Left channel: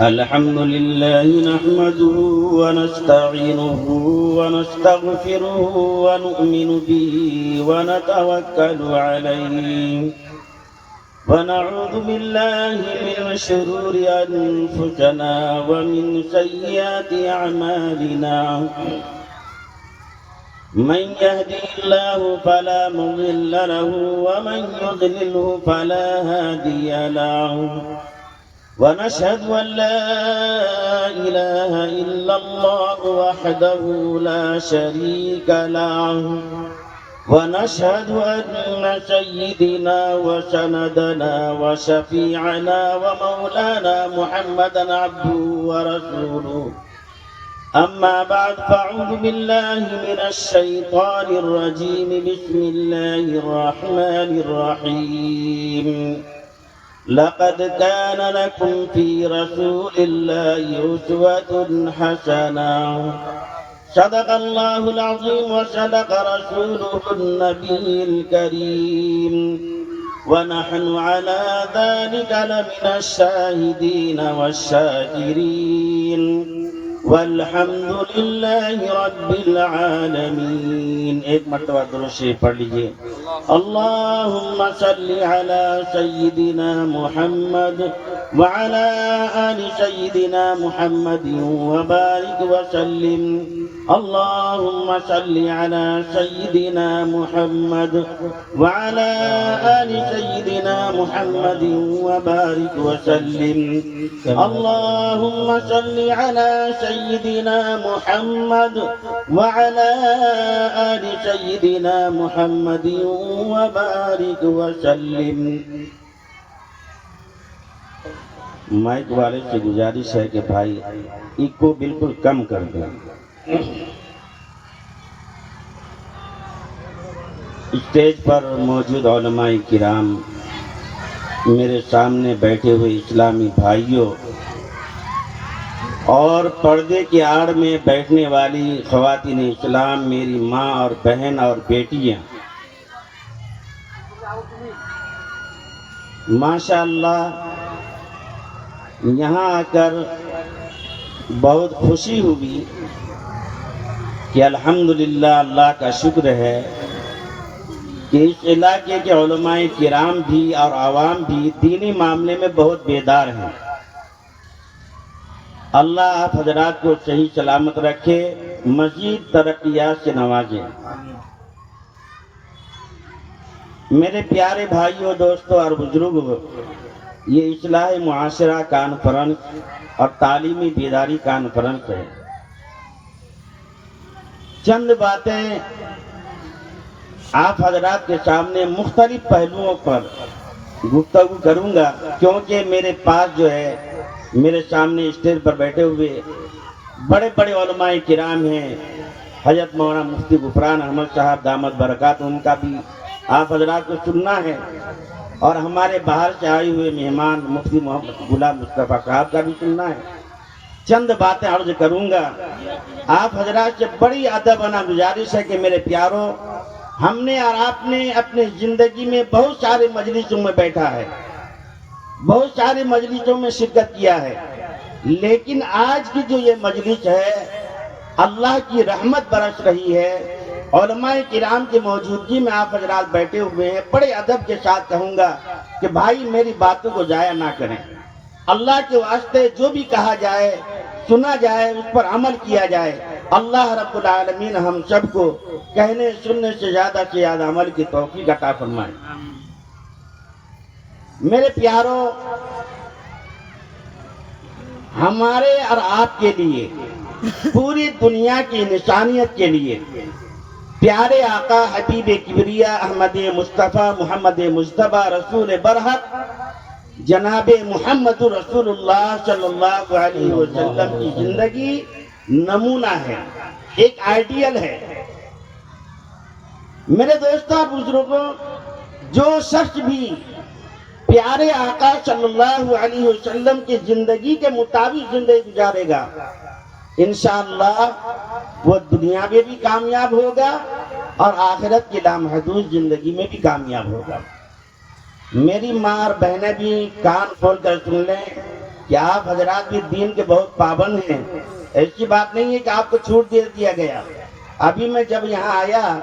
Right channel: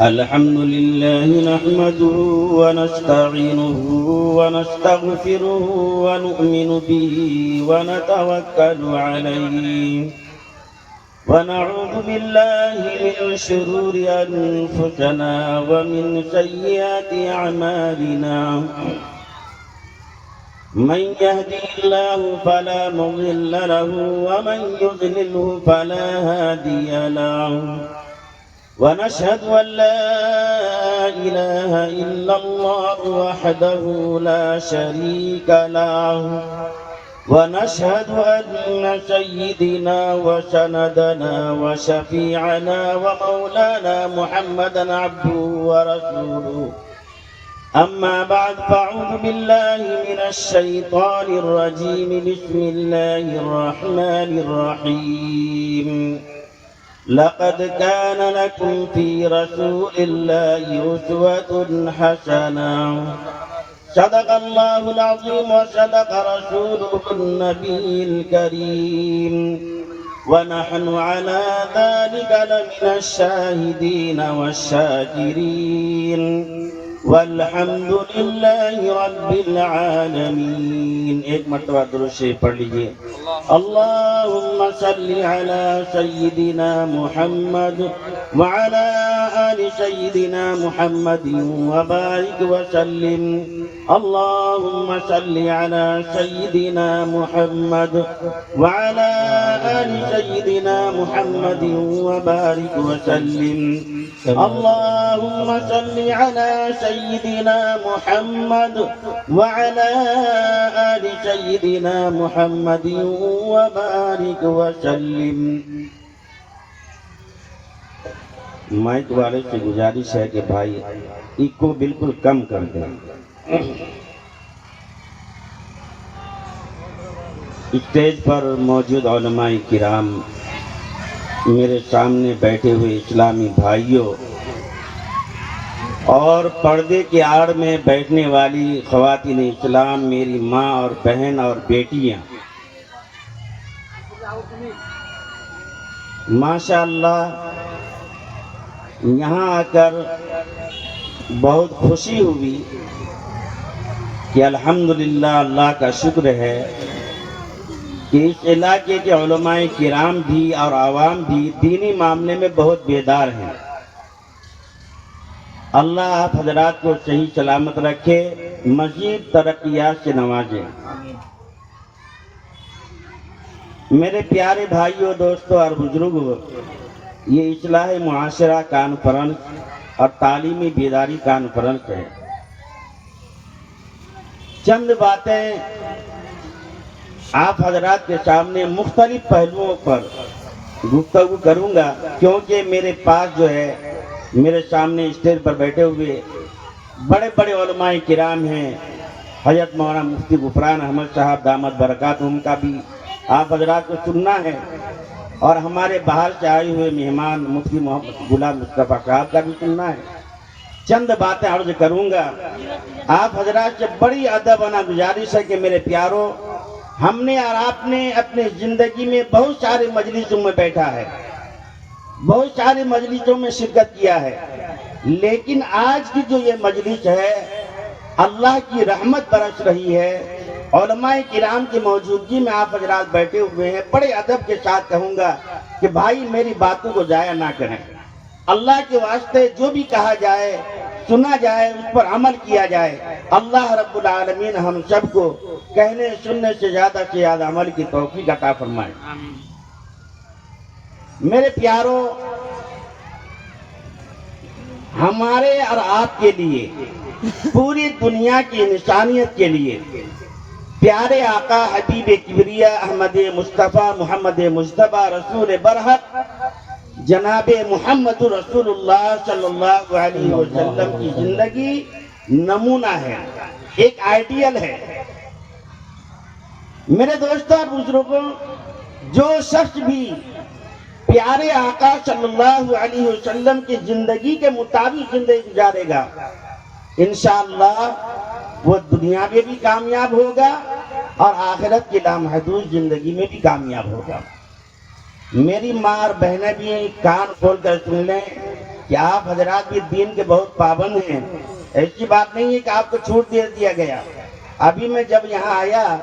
الحمد لله نحمده ونستعينه ونستغفره ونؤمن به ونتوكل عليه ونعوذ بالله من شرور أنفسنا ومن سيئات أعمالنا من يهدي الله فلا مضل له ومن يضلله فلا هادي له ونشهد أن لا إله إلا الله وحده لا شريك له ونشهد أن سيدنا وسندنا وشفيعنا ومولانا محمدا عبده ورسوله أما بعد فأعوذ بالله من الشيطان الرجيم بسم الله الرحمن الرحيم لقد كان لكم في رسول الله أسوة حسنة صدق الله العظيم وصدق رسوله النبي الكريم ونحن على ذلك لمن الشاهدين والشاكرين والحمد لله رب العالمين. ایک مرتبہ درود شریف پڑھ لیجیے. اللهم صل على سيدنا محمد وعلى آل سيدنا محمد وبارك وسلم. اللهم صل على سيدنا محمد وعلى آل سيدنا محمد وبارك وسلم. اللهم صل على سيدنا محمد وعلى آل سيدنا محمد وبارك وسلم. مائک والے سے گزارش ہے کہ بھائی ایکو بالکل کم کر دیں. اسٹیج پر موجود علماء کرام، میرے سامنے بیٹھے ہوئے اسلامی بھائیوں اور پردے کی آڑ میں بیٹھنے والی خواتین اسلام، میری ماں اور بہن اور بیٹیاں، ماشاءاللہ یہاں آ کر بہت خوشی ہوئی کہ الحمدللہ اللہ کا شکر ہے کہ اس علاقے کے علماء کرام بھی اور عوام بھی دینی معاملے میں بہت بیدار ہیں. اللہ آپ حضرات کو صحیح سلامت رکھے، مزید ترقیات سے نوازے. میرے پیارے بھائیوں، دوستوں اور بزرگوں، یہ اصلاح معاشرہ کانفرنس اور تعلیمی بیداری کانفرنس ہے. چند باتیں آپ حضرات کے سامنے مختلف پہلوؤں پر گفتگو کروں گا، کیونکہ میرے پاس جو ہے میرے سامنے اسٹیج پر بیٹھے ہوئے بڑے بڑے علماء کرام ہیں. حضرت مولانا مفتی غفران احمد صاحب دامت برکات، ان کا بھی آپ حضرات کو سننا ہے، اور ہمارے باہر سے آئے ہوئے مہمان مفتی محمد غلام مصطفیٰ صاحب کا بھی سننا ہے. چند باتیں عرض کروں گا. آپ حضرات سے بڑی ادبانہ گزارش ہے کہ میرے پیاروں، ہم نے اور آپ نے اپنی زندگی میں بہت سارے مجلسوں میں بیٹھا ہے، بہت سارے مجلسوں میں شرکت کیا ہے، لیکن آج کی جو یہ مجلس ہے اللہ کی رحمت برس رہی ہے. علماء کرام کی موجودگی میں آپ حضرات بیٹھے ہوئے ہیں. بڑے ادب کے ساتھ کہوں گا کہ بھائی میری باتوں کو ضائع نہ کریں. اللہ کے واسطے جو بھی کہا جائے، سنا جائے، اس پر عمل کیا جائے. اللہ رب العالمین ہم سب کو کہنے سننے سے زیادہ عمل کی توفیق عطا فرمائے. میرے پیاروں، ہمارے اور آپ کے لیے، پوری دنیا کی انسانیت کے لیے پیارے آقا حبیب کبریا احمد مصطفیٰ محمد مصطفیٰ رسول برحق جناب محمد رسول اللہ صلی اللہ علیہ وسلم کی زندگی نمونہ ہے، ایک آئیڈیل ہے. میرے دوستوں اور بزرگوں، جو شخص بھی پیارے آقا صلی اللہ علیہ وسلم کی زندگی کے مطابق زندگی گزارے گا، انشاءاللہ وہ دنیا میں بھی کامیاب ہوگا اور آخرت کی لامحدود زندگی میں بھی کامیاب ہوگا. میری ماں اور بہنیں بھی کان کھول کر سن لیں کہ آپ حضرات بھی دین کے بہت پابند ہیں. ایسی بات نہیں ہے کہ آپ کو چھوٹ دے دیا گیا. ابھی میں جب یہاں آیا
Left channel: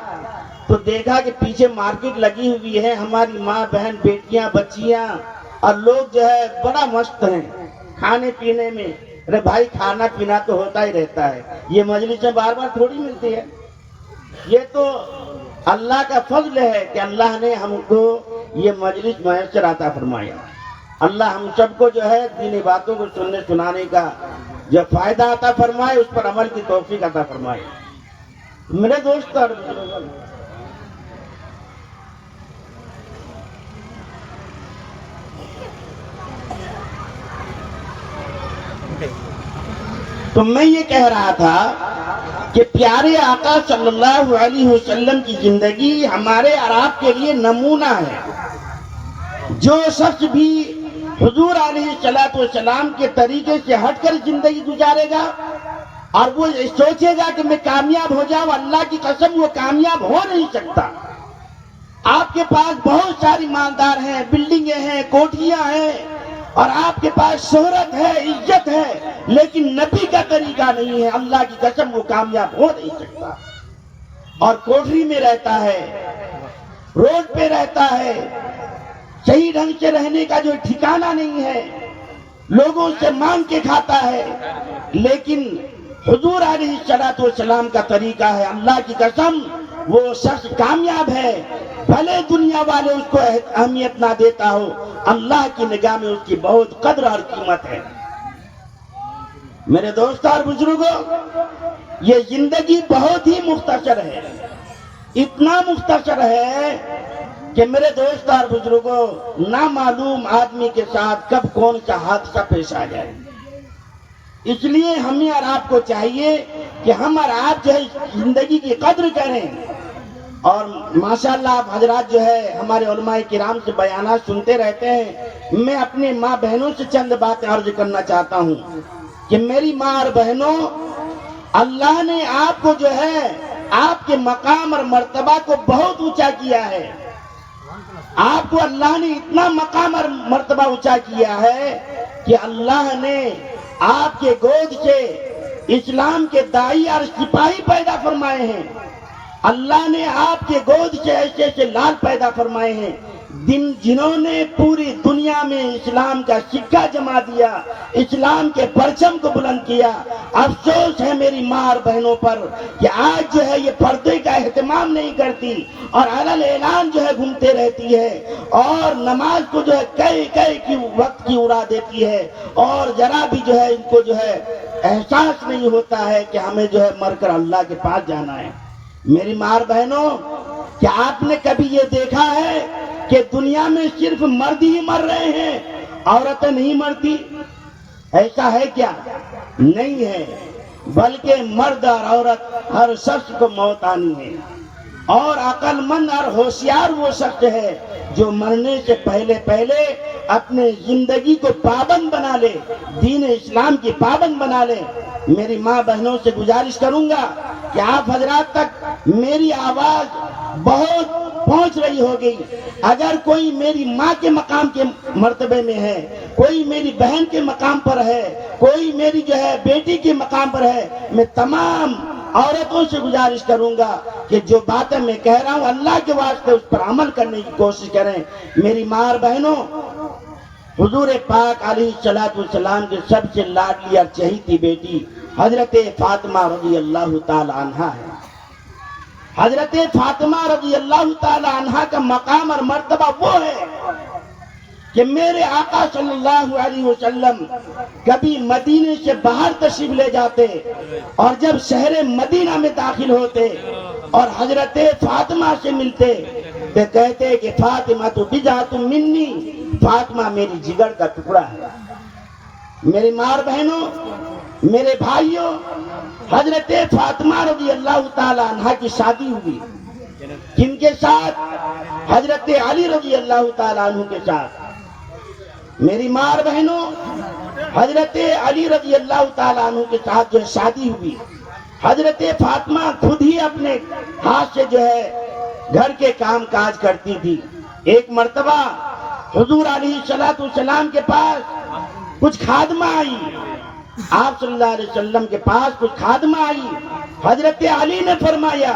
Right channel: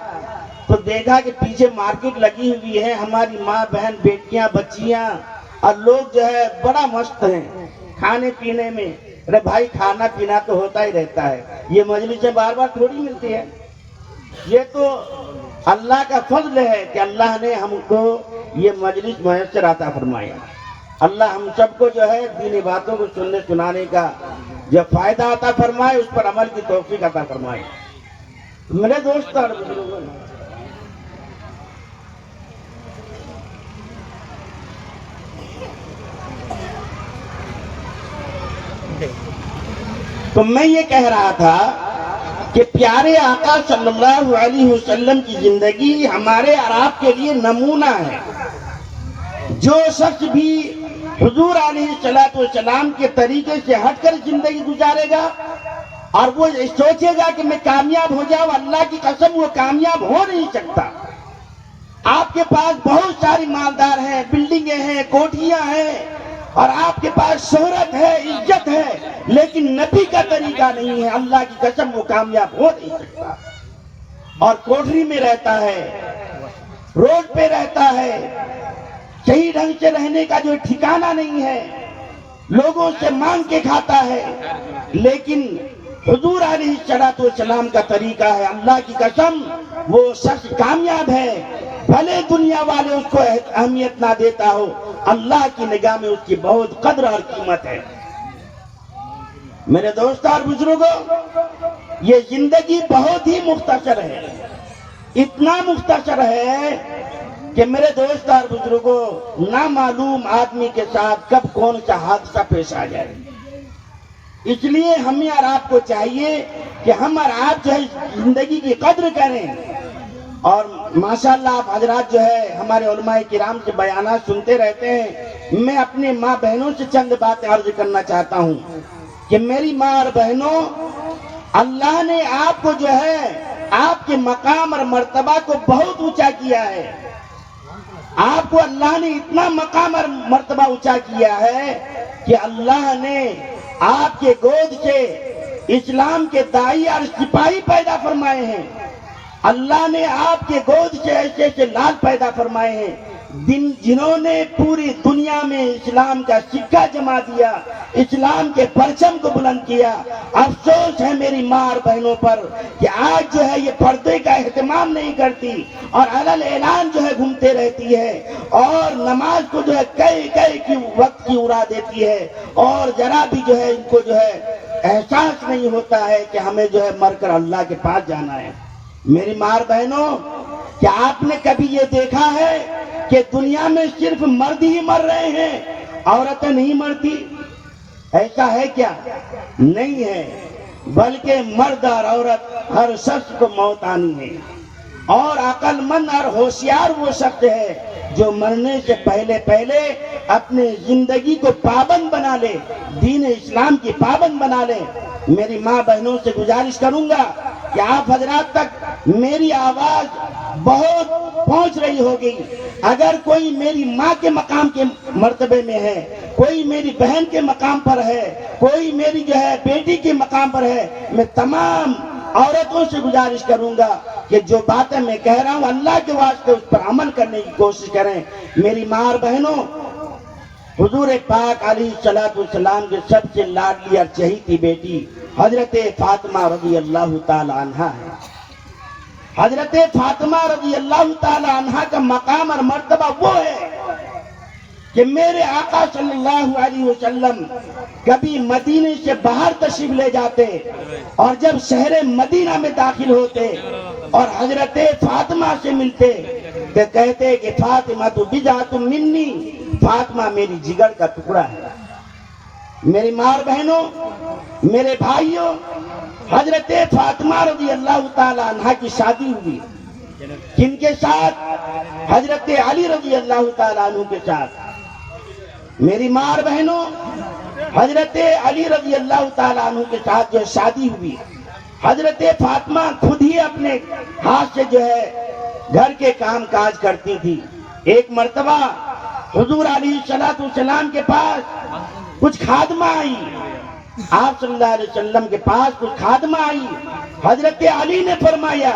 تو دیکھا کہ پیچھے مارکیٹ لگی ہوئی ہے. ہماری ماں بہن بیٹیاں بچیاں اور لوگ جو ہے بڑا مست ہیں کھانے پینے میں. ارے بھائی کھانا پینا تو ہوتا ہی رہتا ہے. یہ مجلسیں بار بار تھوڑی ملتی ہے. یہ تو اللہ کا فضل ہے کہ اللہ نے ہم کو یہ مجلس میسر عطا فرمایا. اللہ ہم سب کو جو ہے دینی باتوں کو سننے سنانے کا جو فائدہ عطا فرمائے, اس پر عمل کی توفیق عطا فرمائے. میرے دوست اور تو میں یہ کہہ رہا تھا کہ پیارے آقا صلی اللہ علیہ وسلم کی زندگی ہمارے اور آپ کے لیے نمونہ ہے. جو شخص بھی حضور علیہ السلام کے طریقے سے ہٹ کر زندگی گزارے گا اور وہ سوچے گا کہ میں کامیاب ہو جاؤں, اللہ کی قسم وہ کامیاب ہو نہیں سکتا. آپ کے پاس بہت ساری مالدار ہیں, بلڈنگیں ہیں, کوٹھیاں ہیں, اور آپ کے پاس شہرت ہے, عزت ہے, لیکن نبی کا طریقہ نہیں ہے, اللہ کی قسم وہ کامیاب ہو نہیں سکتا. اور کوٹھری میں رہتا ہے, روڈ پہ رہتا ہے, صحیح ڈھنگ سے رہنے کا جو ٹھکانہ نہیں ہے, لوگوں سے مانگ کے کھاتا ہے, لیکن حضور علیہ السلام کا طریقہ ہے. اللہ کی قسم وہ شخص کامیاب ہے, بھلے دنیا والے اس کو اہمیت نہ دیتا ہو, اللہ کی نگاہ میں اس کی بہت قدر اور قیمت ہے. میرے دوست اور بزرگوں, یہ زندگی بہت ہی مختصر ہے. اتنا مختصر ہے کہ میرے دوست اور بزرگوں, نامعلوم آدمی کے ساتھ کب کون سا حادثہ پیش آ جائے. اس لیے ہمیں اور آپ کو چاہیے کہ ہم اور آپ جو ہے زندگی کی قدر کریں. اور ماشاءاللہ آپ حضرات جو ہے ہمارے علماء کرام سے بیانات سنتے رہتے ہیں. میں اپنے ماں بہنوں سے چند باتیں عرض کرنا چاہتا ہوں کہ میری ماں اور بہنوں, اللہ نے آپ کو جو ہے آپ کے مقام اور مرتبہ کو بہت اونچا کیا ہے. آپ کو اللہ نے اتنا مقام اور مرتبہ اونچا کیا ہے کہ اللہ نے آپ کے گود سے اسلام کے داعی اور سپاہی پیدا فرمائے ہیں. اللہ نے آپ کے گود سے ایسے ایسے لال پیدا فرمائے ہیں جنہوں نے پوری دنیا میں اسلام کا سکہ جما دیا, اسلام کے پرچم کو بلند کیا. افسوس ہے میری ماں اور بہنوں پر کہ آج جو ہے یہ پردے کا اہتمام نہیں کرتی اور علل اعلان جو ہے گھومتے رہتی ہے, اور نماز کو جو ہے کئی کی وقت کی اڑا دیتی ہے, اور ذرا بھی جو ہے ان کو جو ہے احساس نہیں ہوتا ہے کہ ہمیں جو ہے مر کر اللہ کے پاس جانا ہے. میری ماں بہنوں, کیا آپ نے کبھی یہ دیکھا ہے کہ دنیا میں صرف مرد ہی مر رہے ہیں, عورتیں نہیں مرتی؟ ایسا ہے کیا؟ نہیں ہے, بلکہ مرد اور عورت ہر شخص کو موت آنی ہے. اور عقل مند اور ہوشیار وہ شخص ہے جو مرنے سے پہلے اپنے زندگی کو پابند بنا لے, دین اسلام کی پابند بنا لے. میری ماں بہنوں سے گزارش کروں گا کہ آپ حضرات تک میری آواز بہت پہنچ رہی ہوگی. اگر کوئی میری ماں کے مقام کے مرتبے میں ہے, کوئی میری بہن کے مقام پر ہے, کوئی میری جو ہے بیٹی کے مقام پر ہے, میں تمام عورتوں سے گزارش کروں گا کہ جو باتیں میں کہہ رہا ہوں اللہ کے واسطے اس پر عمل کرنے کی کوشش کریں. میری ماں اور بہنوں, حضور پاک علیہ السلام کے سب سے لاڈلی اور چہیتی بیٹی حضرت فاطمہ رضی اللہ تعالی عنہا ہے. حضرت فاطمہ رضی اللہ تعالی عنہا کا مقام اور مرتبہ وہ ہے کہ میرے آقا صلی اللہ علیہ وسلم کبھی مدینے سے باہر تشریف لے جاتے, اور جب شہر مدینہ میں داخل ہوتے اور حضرت فاطمہ سے ملتے تو کہتے کہ فاطمہ تو بضعۃ منی, فاطمہ میری جگر کا ٹکڑا ہے. میری ماں بہنوں, میرے بھائیوں, حضرت فاطمہ رضی اللہ تعالی عنہا کی شادی ہوئی کن کے ساتھ؟ حضرت علی رضی اللہ تعالی عنہ کے ساتھ. میری ماں بہنوں, حضرت علی رضی اللہ تعالی عنہ کے ساتھ جو شادی ہوئی, حضرت فاطمہ خود ہی اپنے ہاتھ سے جو ہے گھر کے کام کاج کرتی تھی. ایک مرتبہ حضور علیہ الصلوۃ والسلام کے پاس کچھ خادمہ آئی، آپ صلی اللہ علیہ وسلم کے پاس کچھ خادمہ آئی. حضرت علی نے فرمایا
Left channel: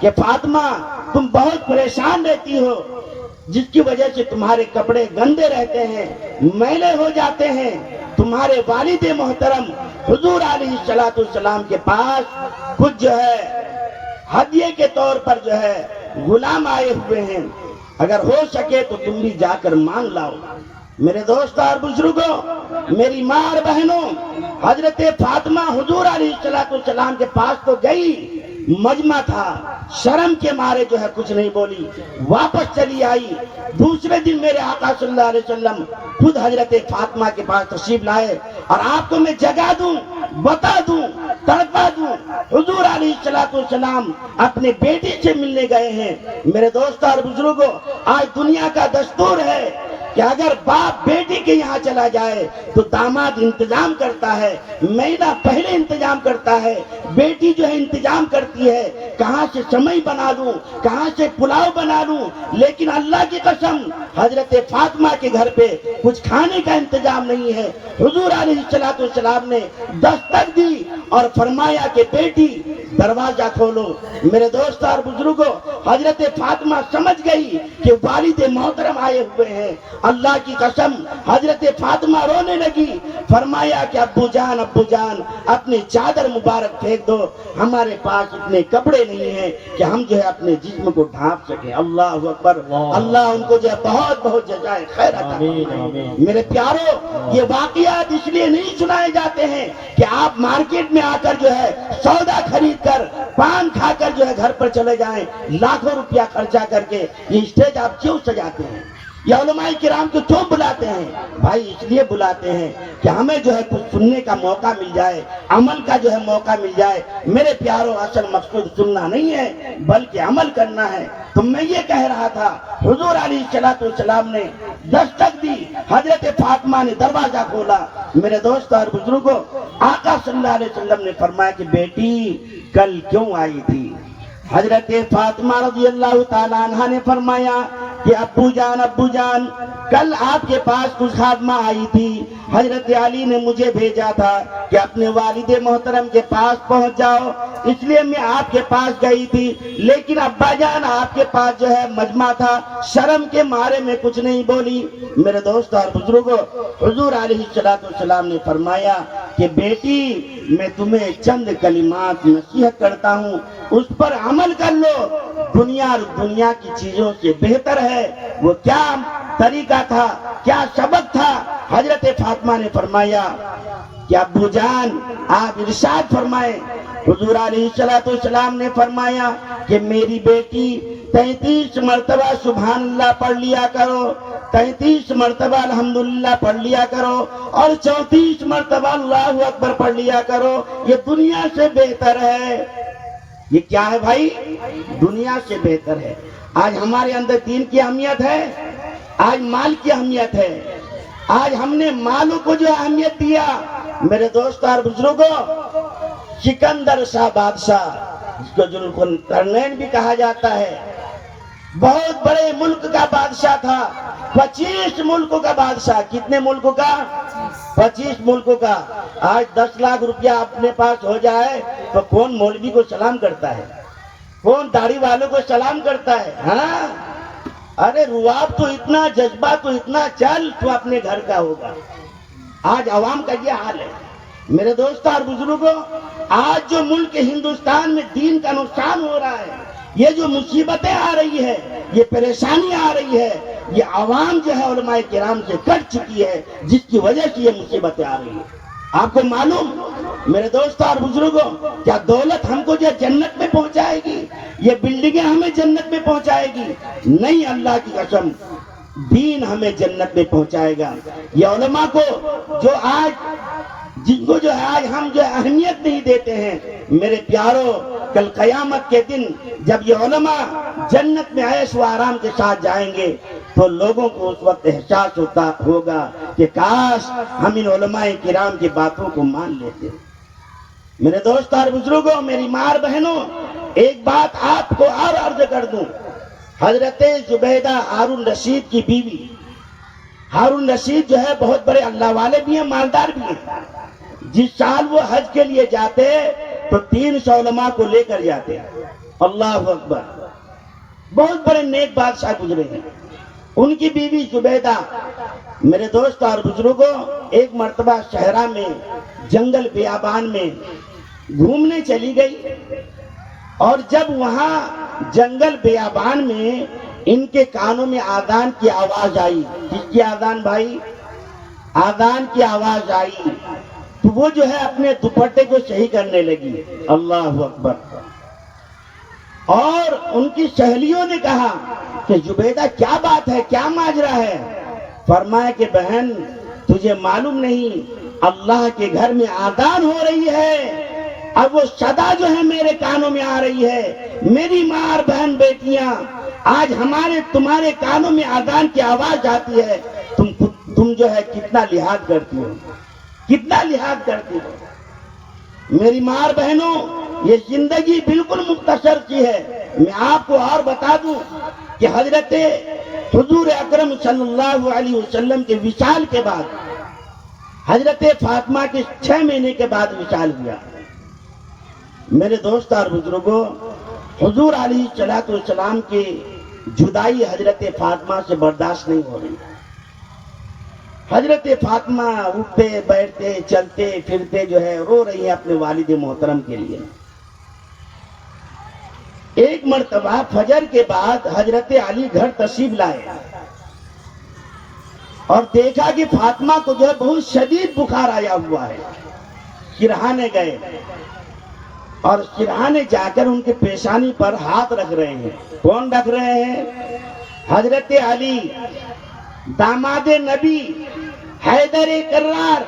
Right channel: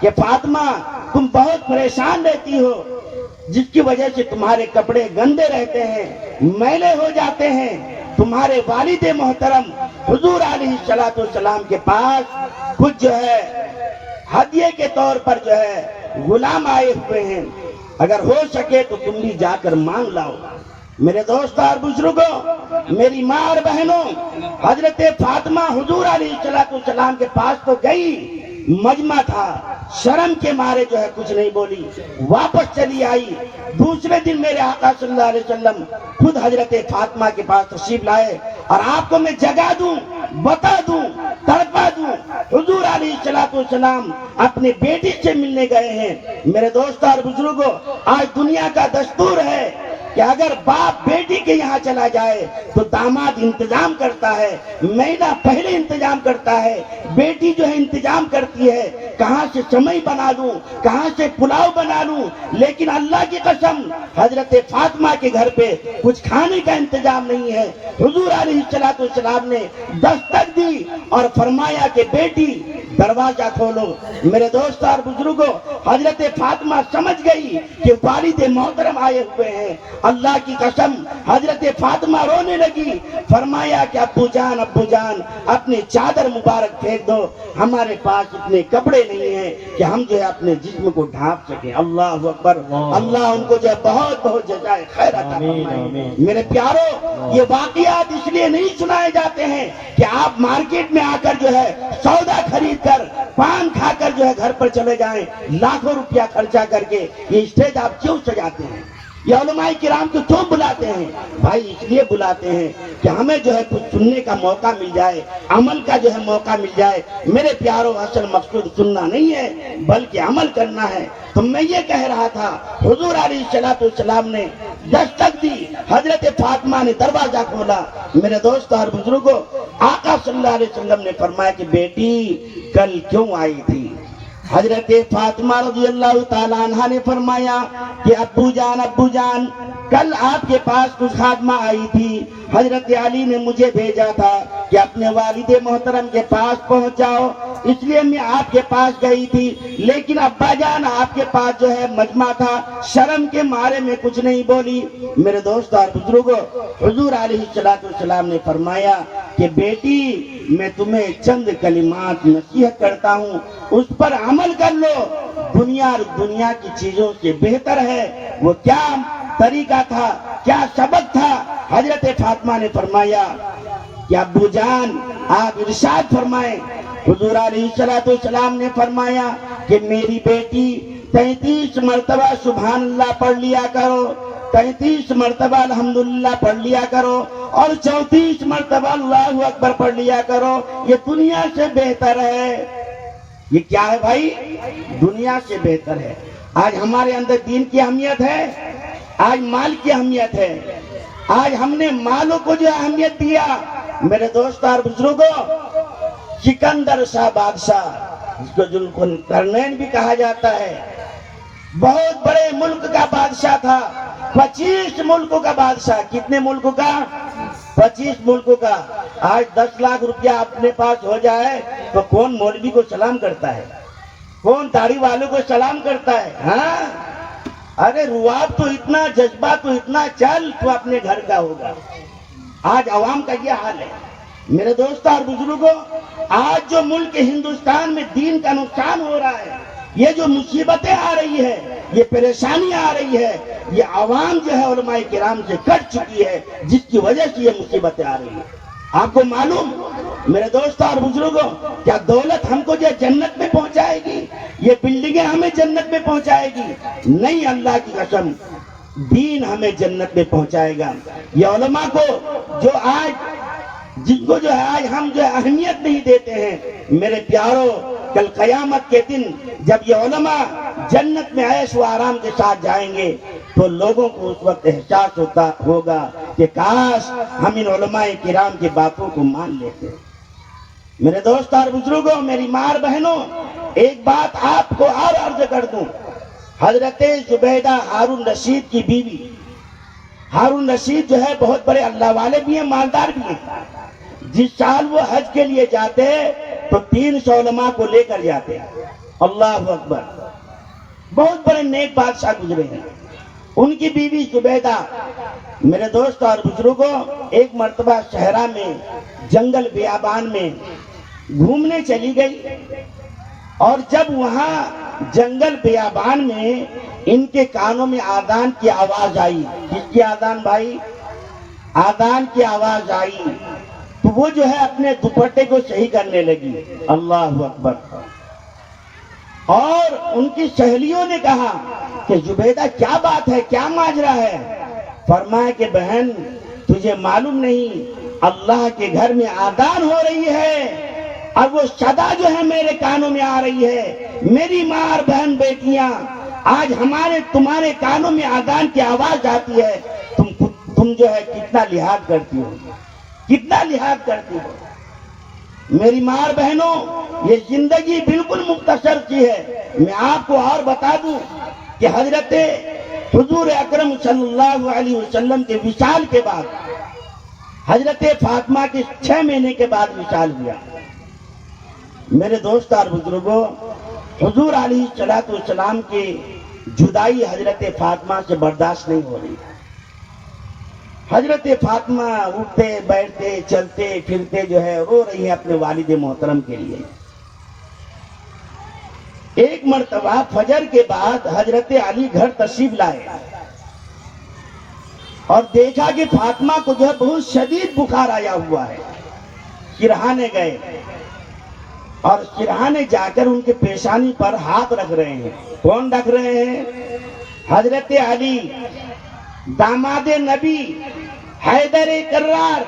کہ فاطمہ تم بہت پریشان رہتی ہو، جس کی وجہ سے تمہارے کپڑے گندے رہتے ہیں، میلے ہو جاتے ہیں. تمہارے والد محترم حضور علیہ الصلوۃ والسلام کے پاس کچھ جو ہے ہدیے کے طور پر جو ہے غلام آئے ہوئے ہیں، اگر ہو سکے تو تم بھی جا کر مانگ لاؤ. میرے دوست اور بزرگوں، میری ماں اور بہنوں، حضرت فاطمہ حضور علیہ الصلوۃ والسلام کے پاس تو گئی، مجمع تھا، شرم کے مارے جو ہے کچھ نہیں بولی، واپس چلی آئی. دوسرے دن میرے آقا صلی اللہ علیہ وسلم خود حضرت فاطمہ کے پاس تشریف لائے، اور آپ کو میں جگا دوں، بتا دوں، تڑپا دوں، حضور علیہ الصلوۃ والسلام اپنے بیٹی سے ملنے گئے ہیں. میرے دوست اور بزرگوں، آج دنیا کا دستور ہے کہ اگر باپ بیٹی کے یہاں چلا جائے تو داماد انتظام کرتا ہے، مہینہ پہلے انتظام کرتا ہے، بیٹی جو ہے انتظام کرتی ہے کہاں سے سمئی بنا لوں، کہاں سے پلاؤ بنا لوں. لیکن اللہ کی قسم حضرت فاطمہ کے گھر پہ کچھ کھانے کا انتظام نہیں ہے. حضور علیہ الصلوۃ والسلام نے دستک دی اور فرمایا کہ بیٹی دروازہ کھولو. میرے دوست اور بزرگوں، حضرت فاطمہ سمجھ گئی کہ والد محترم آئے ہوئے ہیں. اللہ کی قسم حضرت فاطمہ رونے لگی، فرمایا کہ ابو جان اپنی چادر مبارک پھینک دو، ہمارے پاس اتنے کپڑے نہیں ہیں کہ ہم جو ہے اپنے جسم کو ڈھانپ سکیں. اللہ اکبر، اللہ ان کو جو ہے بہت بہت جزائے خیر عطا فرمائے. میرے پیارو، یہ واقعات اس لیے نہیں سنائے جاتے ہیں کہ آپ مارکیٹ میں آ کر جو ہے سودا خرید کر پان کھا کر جو ہے گھر پر چلے جائیں، لاکھوں روپیہ خرچہ کر کے. یہ اسٹیج آپ کیوں سجاتے ہیں؟ یہ علماء کرام کو کیوں بلاتے ہیں؟ بھائی اس لیے بلاتے ہیں کہ ہمیں جو ہے کچھ سننے کا موقع مل جائے، عمل کا جو ہے موقع مل جائے. میرے پیاروں، اصل مقصود سننا نہیں ہے بلکہ عمل کرنا ہے. تو میں یہ کہہ رہا تھا، حضور علیہ الصلوۃ والسلام نے دستک دی، حضرت فاطمہ نے دروازہ کھولا. میرے دوست اور بزرگوں، آقا صلی اللہ علیہ وسلم نے فرمایا کہ بیٹی کل کیوں آئی تھی؟ حضرت فاطمہ رضی اللہ تعالیٰ عنہ نے فرمایا کہ ابو جان کل آپ کے پاس کچھ خادمہ آئی تھی، حضرت علی نے مجھے بھیجا تھا کہ اپنے والد محترم کے پاس پہنچ جاؤ، اس لیے میں آپ کے پاس گئی تھی. لیکن ابا جان آپ کے پاس جو ہے مجمع تھا، شرم کے مارے میں کچھ نہیں بولی. میرے دوست اور بزرگوں، حضور علیہ الصلوۃ والسلام نے فرمایا کہ بیٹی میں تمہیں چند کلمات نصیحت کرتا ہوں، اس پر عمل کر لو. دنیا کی چیزوں سے بہتر ہے. وہ کیا طریقہ تھا، کیا سبق تھا؟ حضرت فاطمہ نے فرمایا کہ ابو جان آپ ارشاد فرمائیں. حضور علیہ الصلوۃ والسلام نے فرمایا کہ میری بیٹی 33 مرتبہ سبحان اللہ پڑھ لیا کرو، 33 مرتبہ الحمدللہ پڑھ لیا کرو، اور 34 مرتبہ اللہ اکبر پڑھ لیا کرو. یہ دنیا سے بہتر ہے. یہ کیا ہے بھائی؟ دنیا سے بہتر ہے. آج ہمارے اندر دین کی اہمیت ہے، آج مال کی اہمیت ہے. آج ہم نے مالوں کو جو اہمیت دیا. میرے دوست اور بزرگوں، سکندر شاہ بادشاہ، جس کو ذوالقرنین بھی کہا جاتا ہے، بہت بڑے ملک کا بادشاہ تھا، 25 ملکوں کا بادشاہ. کتنے ملکوں کا؟ 25 ملکوں کا. آج 10 لاکھ روپیہ اپنے پاس ہو جائے تو کون مولوی کو سلام کرتا ہے؟ کون داڑھی والوں کو سلام کرتا ہے؟ ہاں، ارے رواب تو اتنا، جذبہ تو اتنا، چل تو اپنے گھر کا ہوگا. آج عوام کا یہ حال ہے. میرے دوست اور بزرگوں، آج جو ملک ہندوستان میں دین کا نقصان ہو رہا ہے، یہ جو مصیبتیں آ رہی ہے، یہ پریشانی آ رہی ہے، یہ عوام جو ہے علماء کرام سے کٹ چکی ہے، جس کی وجہ سے یہ مصیبتیں آ رہی ہیں. آپ کو معلوم میرے دوست اور بزرگوں، کیا دولت ہم کو جو جنت میں پہنچائے گی؟ یہ بلڈنگیں ہمیں جنت میں پہنچائے گی؟ نہیں، اللہ کی قسم دین ہمیں جنت میں پہنچائے گا. یہ علماء کو جو آج، جن کو جو ہے آج ہم جو اہمیت نہیں دیتے ہیں، میرے پیاروں، کل قیامت کے دن جب یہ علماء جنت میں عیش و آرام کے ساتھ جائیں گے تو لوگوں کو اس وقت احساس ہوگا کہ کاش ہم ان علماء کرام کی باتوں کو مان لیتے. میرے دوست اور بزرگوں، میری ماں اور بہنوں، ایک بات آپ کو اور عرض کر دوں. حضرت زبیدہ ہارون رشید کی بیوی ہارون رشید جو ہے بہت بڑے اللہ والے بھی ہیں، مالدار بھی ہیں. جس سال وہ حج کے لیے جاتے تو 300 علماء کو لے کر جاتے. اللہ اکبر. بہت بڑے نیک بادشاہ گزرے ہیں. ان کی بیوی زبیدہ میرے دوست اور بزرگوں ایک مرتبہ صحرا میں جنگل بیابان میں گھومنے چلی گئی، اور جب وہاں جنگل بیابان میں ان کے کانوں میں آذان کی آواز آئی. کس کی آذان بھائی؟ آذان کی آواز آئی تو وہ جو ہے اپنے دوپٹے کو صحیح کرنے لگی. اللہ اکبر. اور ان کی سہیلیوں نے کہا کہ زبیدہ کیا بات ہے، کیا ماجرا ہے؟ فرمایا کہ بہن تجھے معلوم نہیں، اللہ کے گھر میں آذان ہو رہی ہے، اب وہ صدا جو ہے میرے کانوں میں آ رہی ہے. میری ماں اور بہن بیٹیاں، آج تمہارے کانوں میں آذان کی آواز آتی ہے، تم جو ہے کتنا لحاظ کرتی ہو، کتنا لحاظ کرتی ہو. میری ماں اور بہنوں، یہ زندگی بالکل مختصر سی ہے. میں آپ کو اور بتا دوں کہ حضرت حضور اکرم صلی اللہ علیہ وسلم کے وصال کے بعد حضرت فاطمہ کے 6 مہینے کے بعد وصال ہوا. میرے دوست اور بزرگوں، حضور علیہ السلام کی جدائی حضرت فاطمہ سے برداشت نہیں ہو رہی. حضرت فاطمہ اٹھتے بیٹھتے چلتے پھرتے جو ہے رو رہی ہیں اپنے والد محترم کے لیے. ایک مرتبہ فجر کے بعد حضرت علی گھر تشریف لائے اور دیکھا کہ فاطمہ کو جو ہے بہت شدید بخار آیا ہوا ہے. سرہانے گئے اور سرہانے جا کر ان کے پیشانی پر ہاتھ رکھ رہے ہیں. کون رکھ رہے ہیں؟ حضرت علی، داماد نبی، حیدر کرار،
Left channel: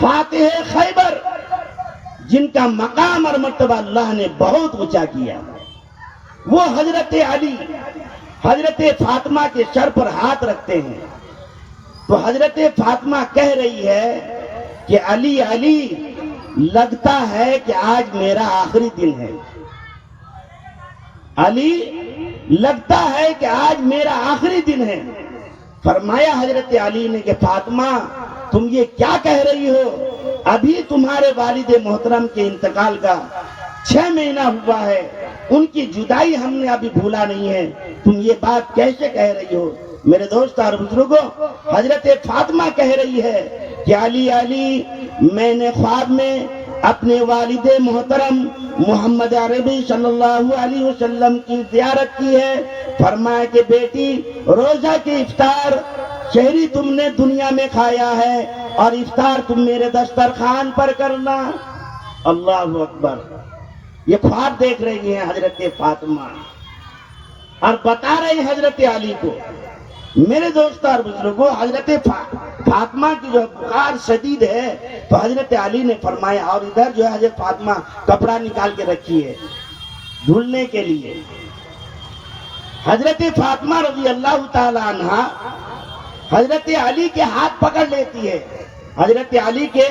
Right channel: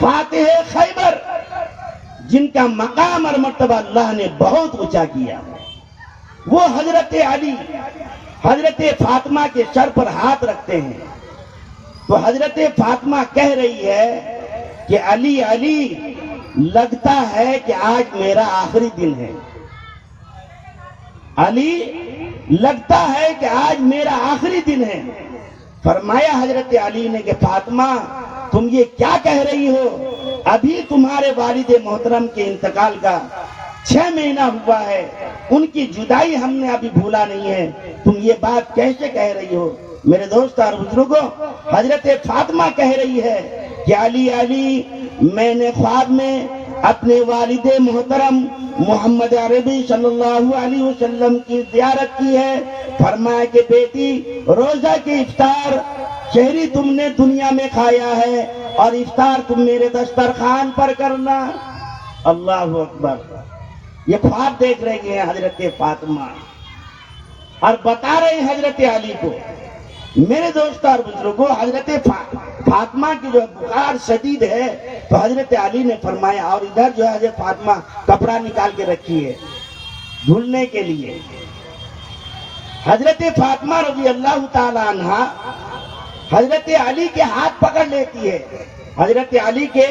فاتح خیبر، جن کا مقام اور مرتبہ اللہ نے بہت اونچا کیا. وہ حضرت علی حضرت فاطمہ کے سر پر ہاتھ رکھتے ہیں تو حضرت فاطمہ کہہ رہی ہے کہ علی علی، لگتا ہے کہ آج میرا آخری دن ہے. علی، لگتا ہے کہ آج میرا آخری دن ہے. فرمایا حضرت علی نے کہ فاطمہ تم یہ کیا کہہ رہی ہو؟ ابھی تمہارے والد محترم کے انتقال کا 6 مہینہ ہوا ہے، ان کی جدائی ہم نے ابھی بھولا نہیں ہے، تم یہ بات کیسے کہہ رہی ہو؟ میرے دوست اور بزرگوں، حضرت فاطمہ کہہ رہی ہے کہ علی علی، میں نے خواب میں اپنے والد محترم محمد عربی صلی اللہ علیہ وسلم کی زیارت کی ہے. فرمایا کہ بیٹی، روزہ کے افطار شہری تم نے دنیا میں کھایا ہے اور افطار تم میرے دسترخوان پر کرنا. اللہ اکبر. یہ خواب دیکھ رہی ہیں حضرت فاطمہ اور بتا رہے ہیں حضرت علی کو. میرے دوست اور بزرگوں، حضرت فاطمہ کی جو بخار شدید ہے تو حضرت علی نے فرمایا، اور ادھر جو ہے حضرت فاطمہ کپڑا نکال کے رکھی ہے دھلنے کے لیے. حضرت فاطمہ رضی اللہ تعالی عنہا حضرت علی کے ہاتھ پکڑ لیتی ہے، حضرت علی کے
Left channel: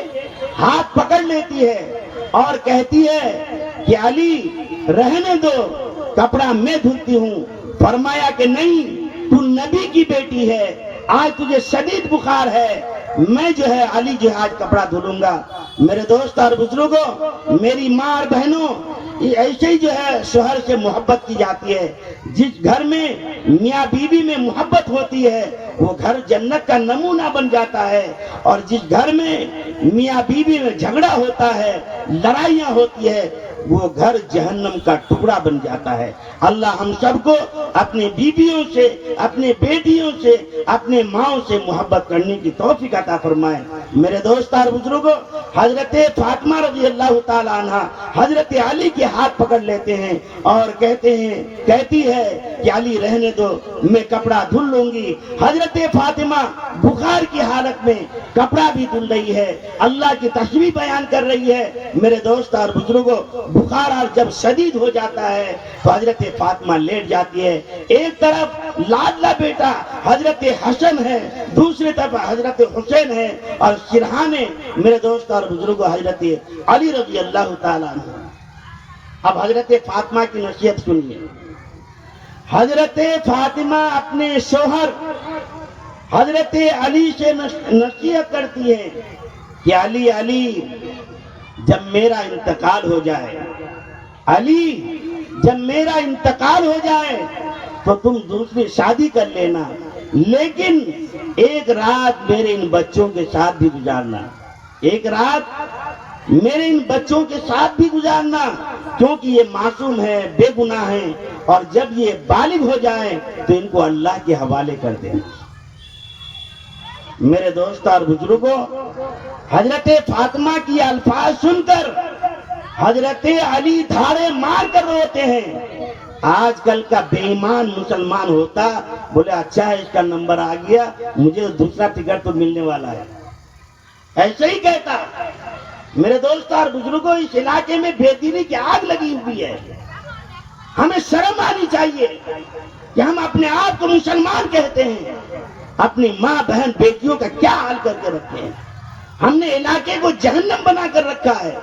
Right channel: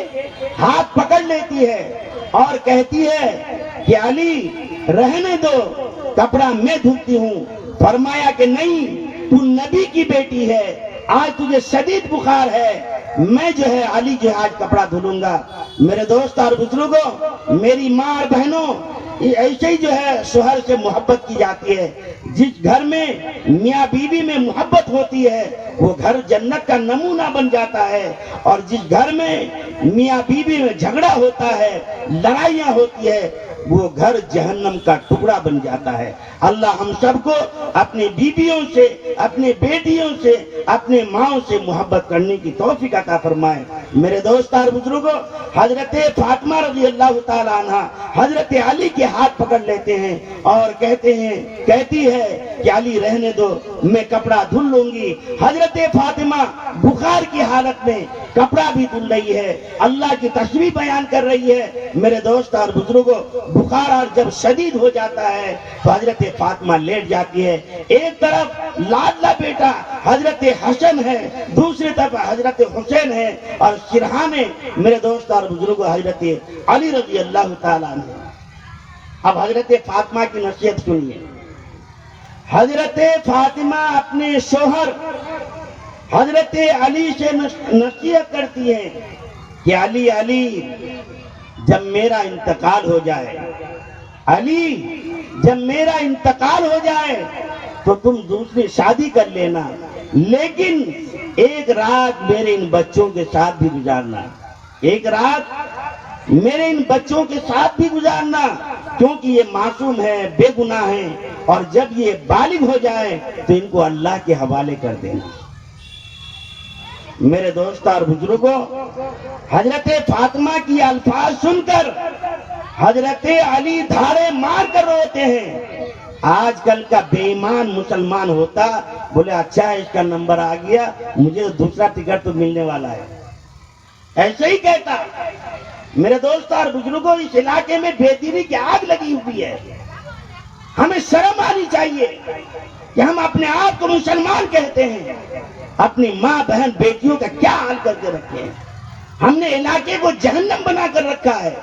ہاتھ پکڑ لیتی ہے اور کہتی ہے کہ علی رہنے دو، کپڑا میں دھلتی ہوں. فرمایا کہ نہیں، تو نبی کی بیٹی ہے، آج تجھے شدید بخار ہے، میں جو ہے علی جو آج کپڑا دھلوں گا. میرے دوست اور بزرگوں، میری ماں اور بہنوں، ایسے ہی جو ہے شوہر سے محبت کی جاتی ہے. جس گھر میں میاں بیوی میں محبت ہوتی ہے وہ گھر جنت کا نمونہ بن جاتا ہے، اور جس گھر میں میاں بیوی میں جھگڑا ہوتا ہے، لڑائیاں ہوتی ہے، وہ گھر جہنم کا ٹکڑا بن جاتا ہے. اللہ ہم سب کو اپنے بیویوں سے، اپنے بیٹیوں سے، اپنے ماں سے محبت کرنے کی توفیق عطا فرمائے. میرے دوست اور بزرگوں، حضرت فاطمہ رضی اللہ تعالی عنہ حضرت علی کے ہاتھ پکڑ لیتے ہیں اور کہتی ہے کہ علی رہنے دو، میں کپڑا دھل لوں گی. حضرت فاطمہ بخار کی حالت میں کپڑا بھی دھل رہی ہے، اللہ کی تسبیح بیان کر رہی ہے. میرے دوست اور بزرگوں، بخار اور جب شدید ہو جاتا ہے تو حضرت فاطمہ لیٹ جاتی ہے. ایک طرف لاڈلا بیٹا حضرت حسن ہے، دوسری طرف حضرت حسین ہے، اور سرہانے میرے دوست اور بزرگوں حضرت علی رضی اللہ تعالیٰ عنہ. اب حضرت فاطمہ کی نصیحت سنیے. حضرت فاطمہ اپنے شوہر حضرت علی سے نصیحت کرتی ہیں کہ علی علی جب میرا انتقال ہو جائے، علی جب میرا انتقال ہو جائے تو تم دوسری شادی کر لینا، لیکن ایک رات میرے ان بچوں کے ساتھ بھی گزارنا، ایک رات میرے ان بچوں کے ساتھ بھی گزارنا، کیونکہ یہ معصوم ہے، بے گناہ ہیں، اور جب یہ بالغ ہو جائے تو ان کو اللہ کے حوالے کر دینا۔ میرے دوست اور بزرگوں، حضرت فاطمہ کی الفاظ سن کر حضرت علی دھاڑے مار کر روتے ہیں۔ آج کل کا بے ایمان مسلمان ہوتا بولے اچھا ہے، اس کا نمبر آ گیا، مجھے دوسرا ٹکٹ تو ملنے والا ہے، ایسے ہی کہتا۔ میرے دوست اور بزرگوں، اس علاقے میں بے دینی کی آگ لگی ہوئی ہے، ہمیں شرم آنی چاہیے کہ ہم اپنے آپ کو مسلمان کہتے ہیں، اپنی ماں بہن بیٹیوں کا کیا حال کر کے رکھے ہیں۔ ہم نے علاقے کو جہنم بنا کر رکھا ہے۔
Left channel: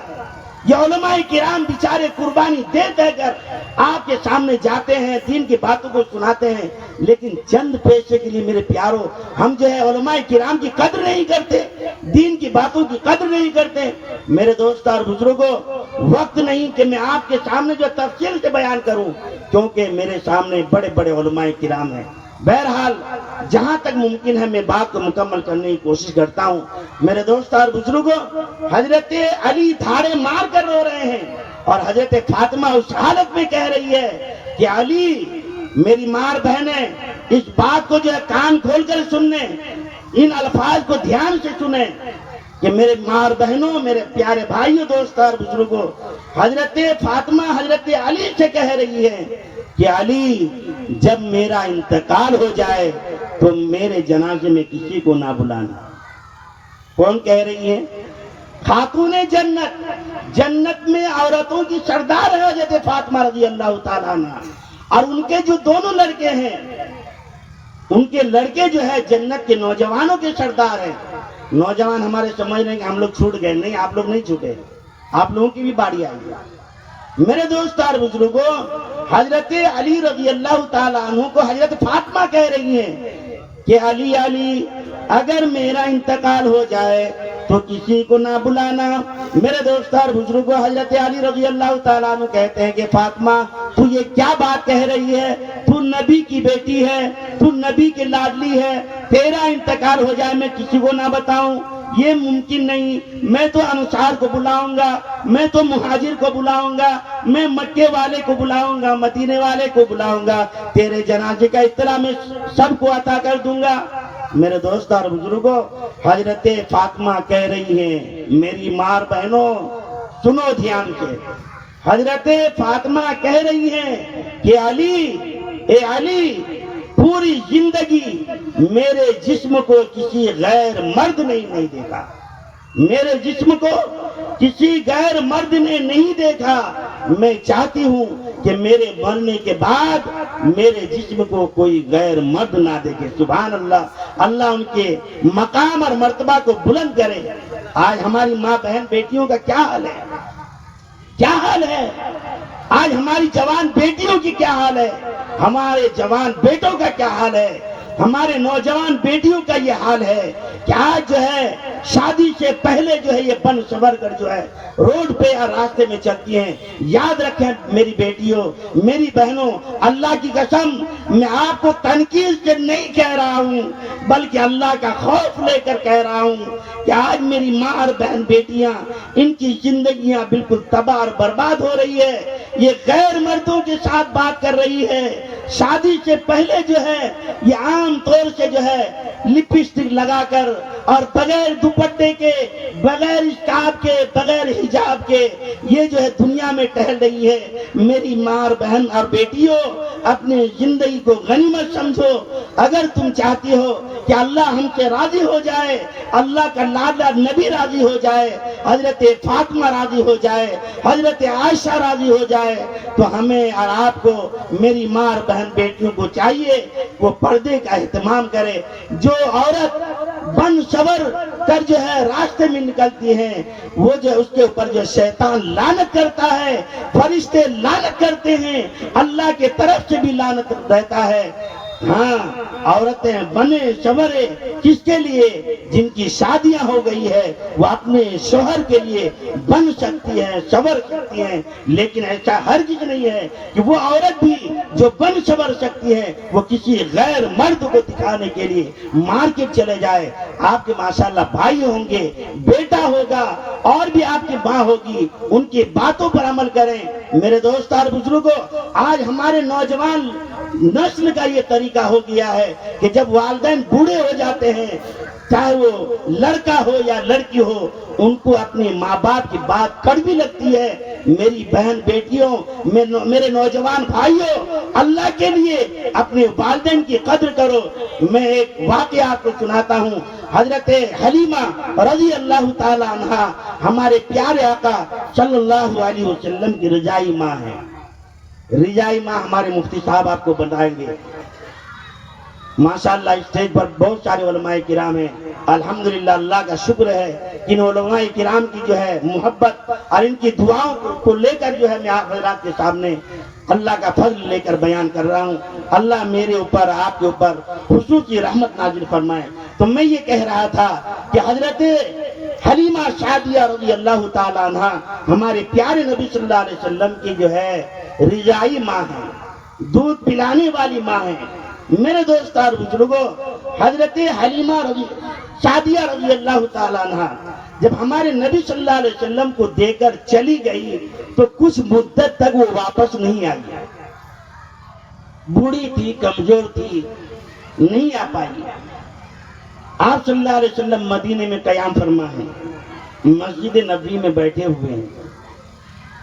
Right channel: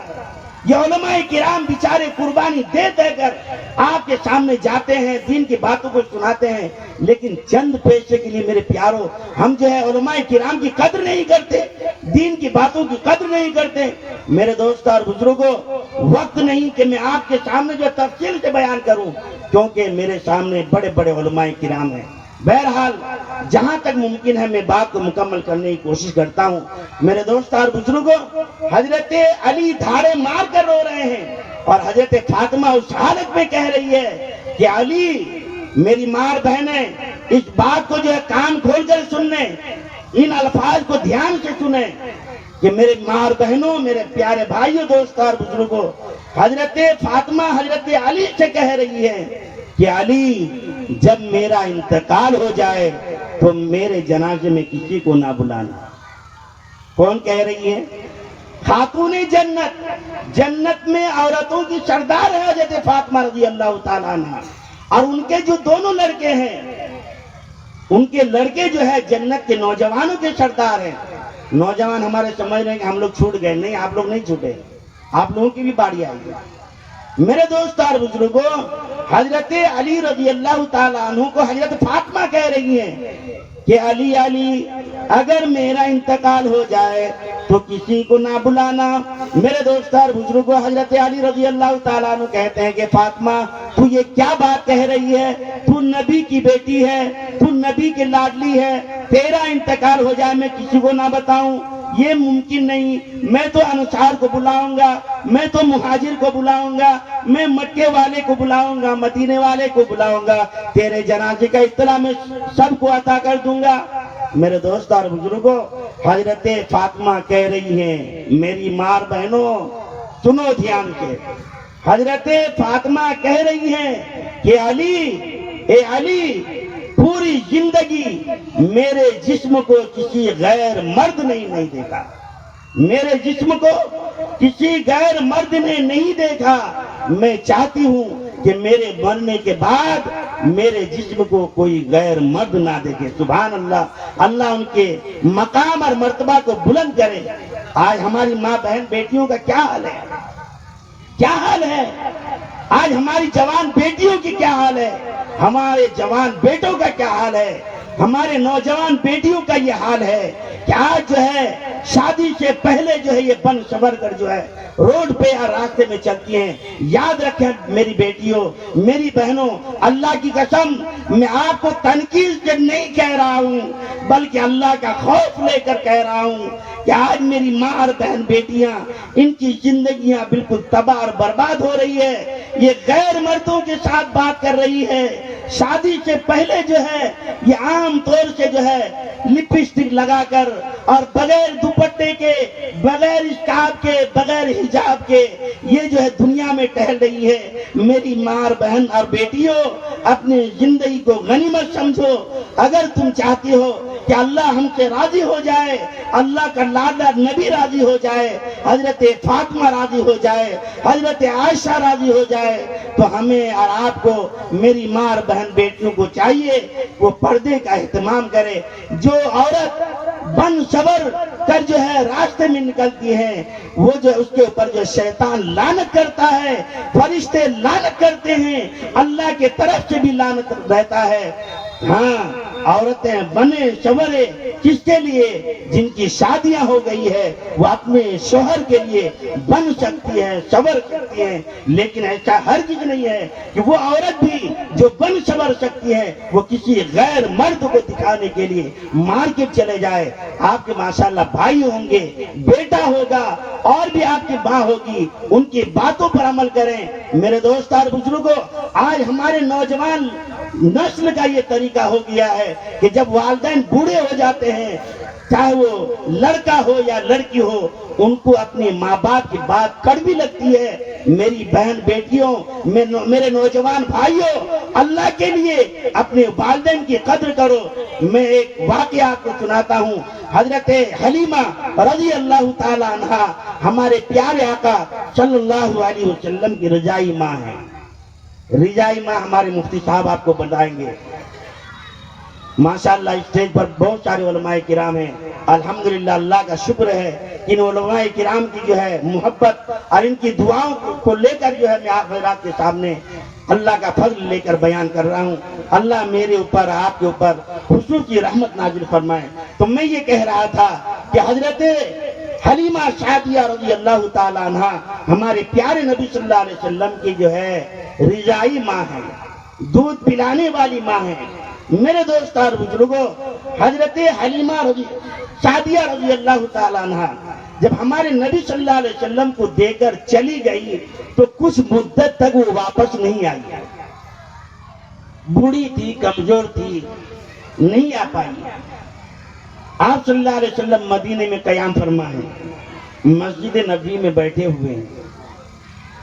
یہ علماء کرام بیچارے قربانی دے دے کر آپ کے سامنے جاتے ہیں، دین کی باتوں کو سناتے ہیں، لیکن چند پیسے کے لیے میرے پیاروں ہم جو ہے علماء کرام کی قدر نہیں کرتے، دین کی باتوں کی قدر نہیں کرتے۔ میرے دوست اور بزرگوں، وقت نہیں کہ میں آپ کے سامنے جو تفصیل سے بیان کروں، کیونکہ میرے سامنے بڑے بڑے علماء کرام ہیں۔ بہرحال جہاں تک ممکن ہے میں بات کو مکمل کرنے کی کوشش کرتا ہوں۔ میرے دوست اور بزرگوں، حضرت علی دھاڑے مار کر رو رہے ہیں اور حضرت فاطمہ اس حالت میں کہہ رہی ہے کہ علی، میری ماں بہنیں اس بات کو جو ہے کان کھول کر سننے، ان الفاظ کو دھیان سے سنیں کہ میرے ماں بہنوں، میرے پیارے بھائیوں، دوست اور بزرگوں، حضرت فاطمہ حضرت علی سے کہہ رہی ہے کہ علی جب میرا انتقال ہو جائے تو میرے جنازے میں کسی کو نہ بلانا۔ کون کہہ رہی ہے؟ خاتون جنت، جنت میں عورتوں کی سردار ہے حضرت فاطمہ رضی اللہ تعالیٰ عنہ، اور ان کے جو دونوں لڑکے ہیں، ان کے لڑکے جو ہے جنت کے نوجوانوں کے سردار ہیں۔ نوجوان ہمارے سمجھ رہے ہیں کہ ہم لوگ چھوٹ گئے، نہیں، آپ لوگ نہیں چھوٹے، آپ لوگوں کی بھی باری آئی ہے۔ میرے دوست اور بزرگوں، حضرت علی رضی اللہ تعالیٰ عنہ کو حضرت فاطمہ کہہ رہی ہیں کہ علی علی اگر میرا انتقال ہو جائے تو کسی کو نہ بلانا۔ میرے دوست اور بزرگوں، حضرت علی رضی اللہ تعالیٰ عنہ کہتے ہیں کہ فاطمہ تو یہ کیا بات کہہ رہی ہے؟ تو نبی کی بیٹی ہے، تو نبی کی لاڈلی ہے، تیرا انتقال ہو جائے میں کسی کو نہ بتاؤں، یہ ممکن نہیں۔ میں تو انصار کو بلاؤں گا، میں تو مہاجر کو بلاؤں گا، میں مکے والے کو بلاؤں گا، مدینے والے کو بلاؤں گا، تیرے جنازے کا اطلاع میں سب کو عطا کر دوں گا۔ میرے دوست اور بزرگوں، حضرت فاطمہ کہہ رہی ہیں، میری ماں بہنوں سنو دھیان سے، حضرت فاطمہ کہہ رہی ہیں کہ علی، اے علی، پوری زندگی میرے جسم کو کسی غیر مرد نے نہیں دیکھا، میرے جسم کو کسی غیر مرد نے نہیں دیکھا۔ میں چاہتی ہوں کہ میرے مرنے کے بعد میرے جسم کو کوئی غیر مرد نہ دیکھے۔ سبحان اللہ، اللہ ان کے مقام اور مرتبہ کو بلند کرے۔ آج ہماری ماں بہن بیٹیوں کا کیا حال ہے، کیا حال ہے؟ آج ہماری جوان بیٹیوں کی کیا حال ہے، ہمارے جوان بیٹوں کا کیا حال ہے، ہمارے نوجوان بیٹیوں کا یہ حال ہے کہ آج جو ہے شادی سے پہلے جو ہے یہ بن سور کر جو ہے روڈ پہ یا راستے میں چلتی ہیں۔ یاد رکھیں میری بیٹیوں، میری بہنوں، اللہ کی قسم میں آپ کو تنقید سے نہیں کہہ رہا ہوں، بلکہ اللہ کا خوف لے کر کہہ رہا ہوں کہ آج میری ماں اور بہن بیٹیاں، ان کی زندگیاں بالکل تباہ اور برباد ہو رہی ہے۔ یہ غیر مردوں کے ساتھ بات کر رہی ہے، شادی سے پہلے جو ہے یہ عام طور سے جو ہے لپسٹک لگا کر اور بغیر دوپٹے کے، بغیر اسکارف کے، بغیر حجاب کے یہ جو ہے دنیا میں ٹہل رہی ہے۔ میری ماں بہن اور بیٹیوں، اپنی زندگی کو غنیمت سمجھو۔ اگر تم چاہتی ہو کہ اللہ ہم سے راضی ہو جائے، اللہ کا لاڈلا نبی راضی ہو جائے، حضرت فاطمہ راضی ہو جائے، حضرت عائشہ راضی ہو جائے، تو ہمیں اور آپ کو، میری ماں اور بہن بیٹیوں کو چاہیے وہ پردے کا اہتمام کرے۔ جو عورت بن سور کر جو ہے راستے میں نکلتی ہیں، وہ جو اس کے اوپر جو شیطان لعنت کرتا ہے، فرشتے لعنت کرتے ہیں، اللہ کے طرف سے بھی لعنت رہتا ہے۔ ہاں عورتیں بنے شورے کس کے لیے؟ جن کی شادیاں ہو گئی ہے وہ اپنے شوہر کے لیے بن سکتی ہیں، شور سکتی ہیں، لیکن ایسا ہرگز نہیں ہے کہ وہ عورت بھی جو بن شور سکتی ہے وہ کسی غیر مرد کو دکھانے کے لیے مارکیٹ چلے جائے۔ آپ کے ماشاءاللہ بھائی ہوں گے، بیٹا ہوگا، اور بھی آپ کی ماں ہوگی، ان کی باتوں پر عمل کریں۔ میرے دوست اور بزرگوں، آج ہمارے نوجوان نسل کا یہ طریقہ ہو گیا ہے کہ جب والدین بوڑھے ہو جاتے ہیں، چاہے وہ لڑکا ہو یا لڑکی ہو، ان کو اپنے ماں باپ کی بات کڑوی لگتی ہے۔ میری بہن بیٹیوں، میرے نوجوان بھائیوں، اللہ کے لیے اپنے والدین کی قدر کرو۔ میں ایک واقعہ آپ کو سناتا ہوں۔ حضرت حلیمہ رضی اللہ تعالی عنہا ہمارے پیارے آقا صلی اللہ علیہ وسلم کی رضائی ماں ہے۔ رضائی ماں ہمارے مفتی صاحب آپ کو بتائیں گے۔ ماشاءاللہ اسٹیج پر بہت سارے علماء کرام ہیں، الحمدللہ اللہ کا شکر ہے ان علماء کرام کی جو ہے محبت اور ان کی دعاؤں کو لے کر جو ہے میں آپ حضرات کے سامنے اللہ کا فضل لے کر بیان کر رہا ہوں۔ اللہ میرے اوپر آپ کے اوپر خصوصی رحمت نازل فرمائے۔ تو میں یہ کہہ رہا تھا کہ حضرت حلیمہ سعدیہ رضی اللہ تعالی عنہ ہمارے پیارے نبی صلی اللہ علیہ وسلم کی جو ہے رضائی ماں ہے، دودھ پلانے والی ماں ہے۔ میرے دوست اور بزرگوں، حضرت حلیمہ سعدیہ رضی اللہ تعالیٰ عنہ جب ہمارے نبی صلی اللہ علیہ وسلم کو دے کر چلی گئی تو کچھ مدت تک وہ واپس نہیں آئی۔ بوڑھی تھی، کمزور تھی، نہیں آ پائی۔ آپ صلی اللہ علیہ وسلم مدینے میں قیام فرما ہے، مسجد نبوی میں بیٹھے ہوئے ہیں۔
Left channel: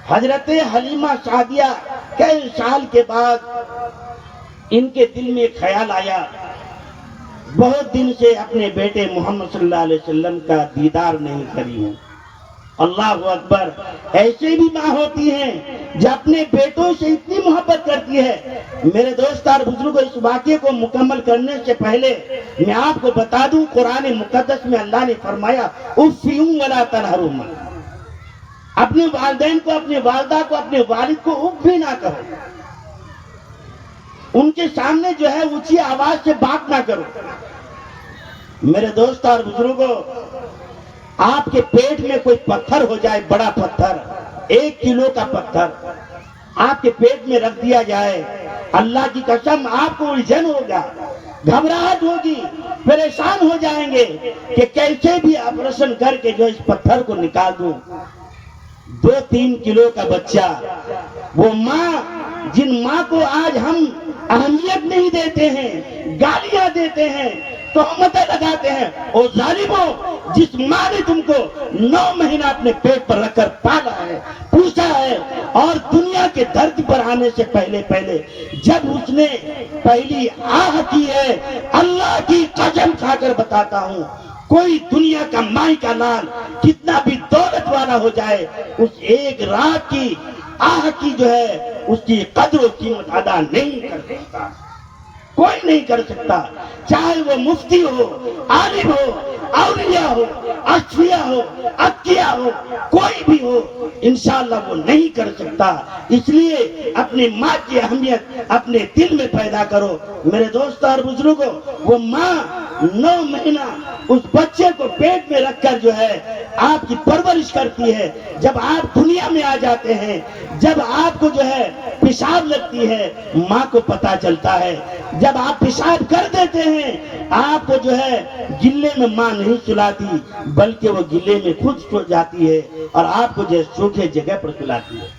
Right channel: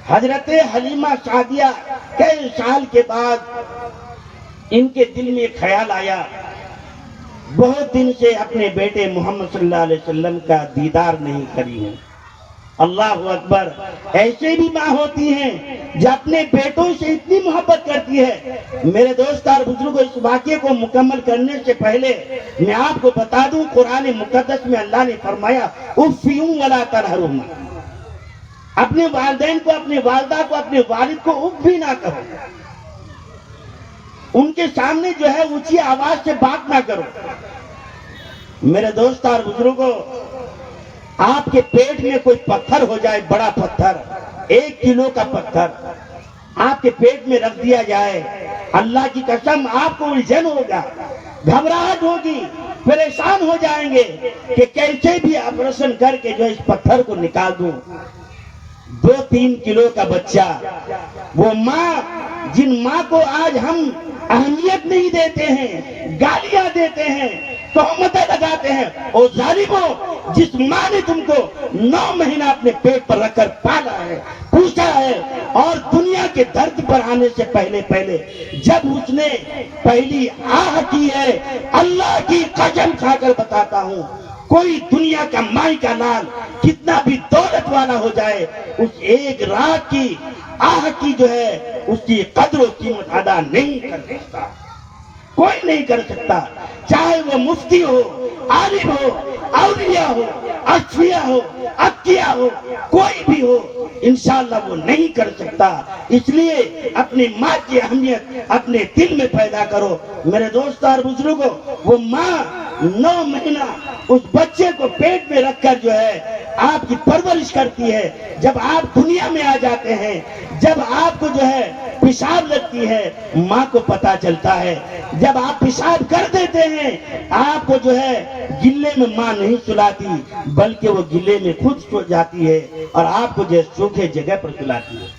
حضرت حلیمہ سعدیہ کئی سال کے بعد ان کے دل میں ایک خیال آیا، بہت دن سے اپنے بیٹے محمد صلی اللہ علیہ وسلم کا دیدار نہیں کری ہوں۔ اللہ اکبر! ایسے بھی ماں ہوتی ہیں جو اپنے بیٹوں سے اتنی محبت کرتی ہے۔ میرے دوست اور بزرگوں، اس واقعے کو مکمل کرنے سے پہلے میں آپ کو بتا دوں، قرآن مقدس میں اللہ نے فرمایا اُفِّیُّ وَلَا تَنْهَرْهُمَا، اپنے والدین کو، اپنے والدہ کو، اپنے والد کو اف بھی نہ کرو، ان کے سامنے جو ہے اونچی آواز سے بات نہ کرو۔ میرے دوست اور بزرگوں، آپ کے پیٹ میں کوئی پتھر ہو جائے، بڑا پتھر، 1 کلو کا پتھر آپ کے پیٹ میں رکھ دیا جائے، اللہ کی قسم آپ کو الجھن ہوگا، گھبراہٹ ہوگی، پریشان ہو جائیں گے کہ کیسے بھی آپریشن کر کے جو اس پتھر کو نکال دوں۔ 2-3 کلو کا بچہ، وہ ماں، جن ماں کو آج ہم اہمیت نہیں دیتے ہیں، گالیاں دیتے ہیں، تہمتیں لگاتے ہیں، اور ظالموں، جس ماں نے تم کو 9 مہینہ اپنے پیٹ پر رکھ کر پالا ہے، پوچھا ہے، اور دنیا کے درد پر آنے سے پہلے جب اس نے پہلی آہ کی ہے، اللہ کی قسم کھا کر بتاتا ہوں، کوئی دنیا کا مائی کا لال کتنا بھی دولت والا ہو جائے، اس ایک رات کی آہ کی جو ہے اس کی قدر و قیمت ادا نہیں کر سکتا، کوئی نہیں کر سکتا، چاہے وہ مفتی ہو، عالم ہو، اولیاء ہو، اصفیاء ہو، اتقیاء ہو، کوئی بھی ہو، انشاءاللہ وہ نہیں کر سکتا۔ اس لیے اپنی ماں کی اہمیت اپنے دل میں پیدا کرو۔ میرے دوست اور بزرگوں، وہ ماں 9 مہینہ اس بچے کو پیٹ میں رکھ کر جو ہے آپ کی پرورش کرتی ہے۔ جب آپ دنیا میں آ جاتے ہیں، جب آپ کو جو ہے پیشاب لگتی ہے، ماں کو پتا چلتا ہے۔ جب آپ پیشاب کر دیتے ہیں، آپ کو جو ہے گلے میں ماں نہیں سلاتی، بلکہ وہ گلے میں خود سو جاتی ہے اور آپ کو جو سوکھے جگہ پر سلاتی ہے۔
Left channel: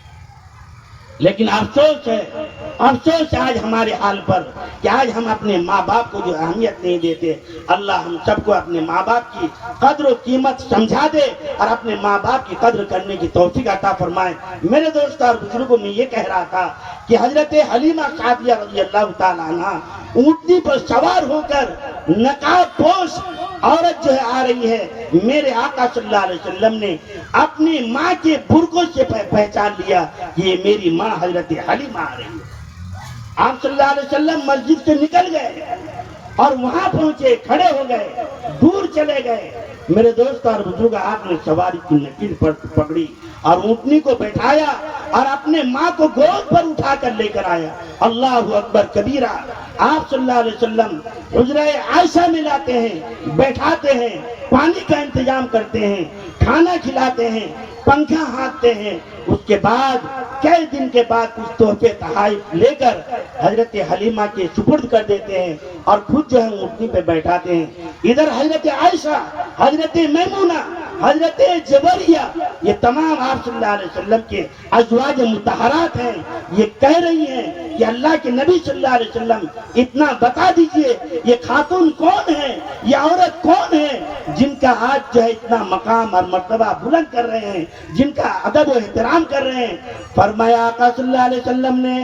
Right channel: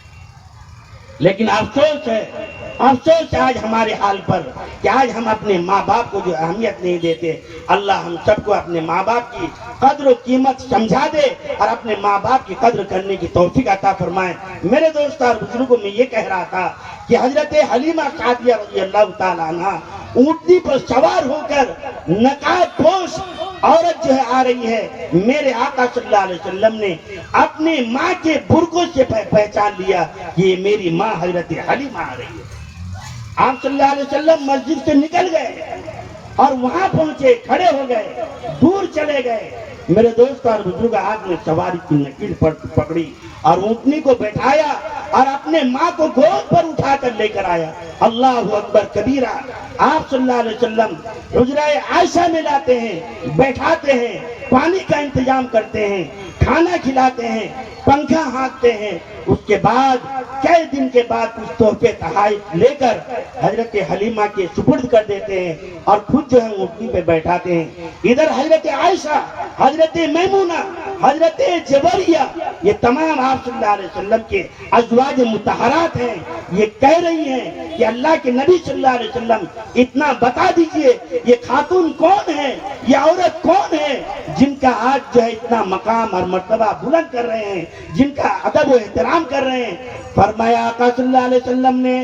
لیکن افسوس ہے آج ہمارے حال پر کہ آج ہم اپنے ماں باپ کو جو اہمیت نہیں دیتے۔ اللہ ہم سب کو اپنے ماں باپ کی قدر و قیمت سمجھا دے اور اپنے ماں باپ کی قدر کرنے کی توفیق عطا فرمائے۔ میرے دوست اور بزرگوں، میں یہ کہہ رہا تھا کہ حضرت حلیمہ سعدیہ رضی اللہ تعالیٰ عنہ اونٹنی پر سوار ہو کر نقاب پوش عورت جو ہے آ رہی ہے، میرے آقا صلی اللہ علیہ وسلم نے اپنی ماں کے برقعوں سے پہچان لیا کہ یہ میری ماں حضرت حلیمہ آ رہی ہے۔ آپ صلی اللہ علیہ وسلم مسجد سے نکل گئے اور وہاں پہنچے، کھڑے ہو گئے، دور چلے گئے۔ میرے دوست اور بزرگ، آپ نے سواری کی نکیل پر پکڑی اور اونٹنی کو بیٹھایا اور اپنے ماں کو گود پر اٹھا کر لے کر آیا. اللہ اکبر کبیرہ. آپ صلی اللہ علیہ وسلم حجرہ عائشہ میں لاتے ہیں, بیٹھاتے ہیں, پانی کا انتظام کرتے ہیں, کھانا کھلاتے ہیں, پنکھا ہانکتے ہیں. اس کے بعد کئی دن کے بعد کچھ تحفے تحائف لے کر حضرت حلیمہ کے سپرد کر دیتے ہیں اور خود جو ہے اونٹنی پہ بیٹھاتے ہیں. ادھر حضرت عائشہ, حضرت میمونہ, حضرت جویریہ, یہ تمام آپ صلی اللہ علیہ وسلم کے ازواج مطہرات ہیں. یہ کہہ رہی ہیں کہ اللہ کے نبی صلی اللہ علیہ وسلم اتنا بتا دیجئے یہ خاتون کون ہے, یہ عورت کون ہے جن کا آج جو ہے اتنا مقام اور مرتبہ بلند کر رہے ہیں, جن کا ادب و احترام کر رہے ہیں. فرمایا آقا صلی اللہ علیہ وسلم نے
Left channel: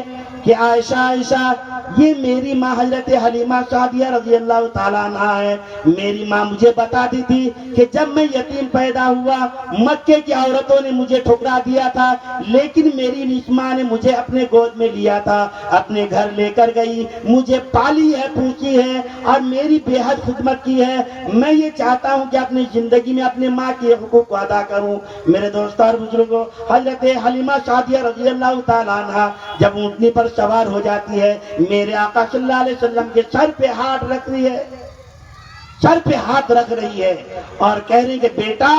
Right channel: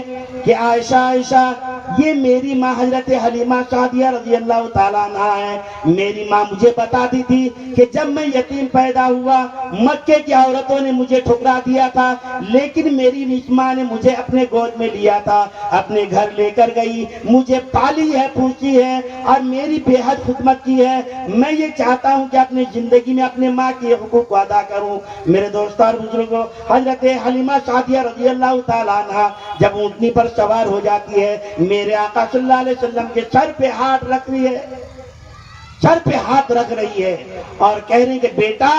کہ عائشہ عائشہ یہ میری ماں حضرت حلیمہ سعدیہ رضی اللہ تعالیٰ عنہ ہے. میری ماں مجھے بتاتی تھی کہ جب میں یتیم پیدا ہوا مکے کی عورتوں نے مجھے ٹھکرا دیا تھا, لیکن میری نسمہ نے مجھے اپنے گود میں لیا تھا, اپنے گھر لے کر گئی, مجھے پالی ہے, پوچھی ہے اور میری بے حد خدمت کی ہے. میں یہ چاہتا ہوں کہ اپنی زندگی میں اپنے ماں کے حقوق کو ادا کروں. میرے دوستان بزرگوں, حضرت حلیمہ سعدیہ رضی اللہ تعالیٰ عنہ جب اونٹنی پر سوار ہو جاتی ہے, میرے آقا صلی اللہ علیہ وسلم کے سر پہ ہاتھ رکھ رہی ہے, سر پہ ہاتھ رکھ رہی ہے اور کہہ رہی کہ بیٹا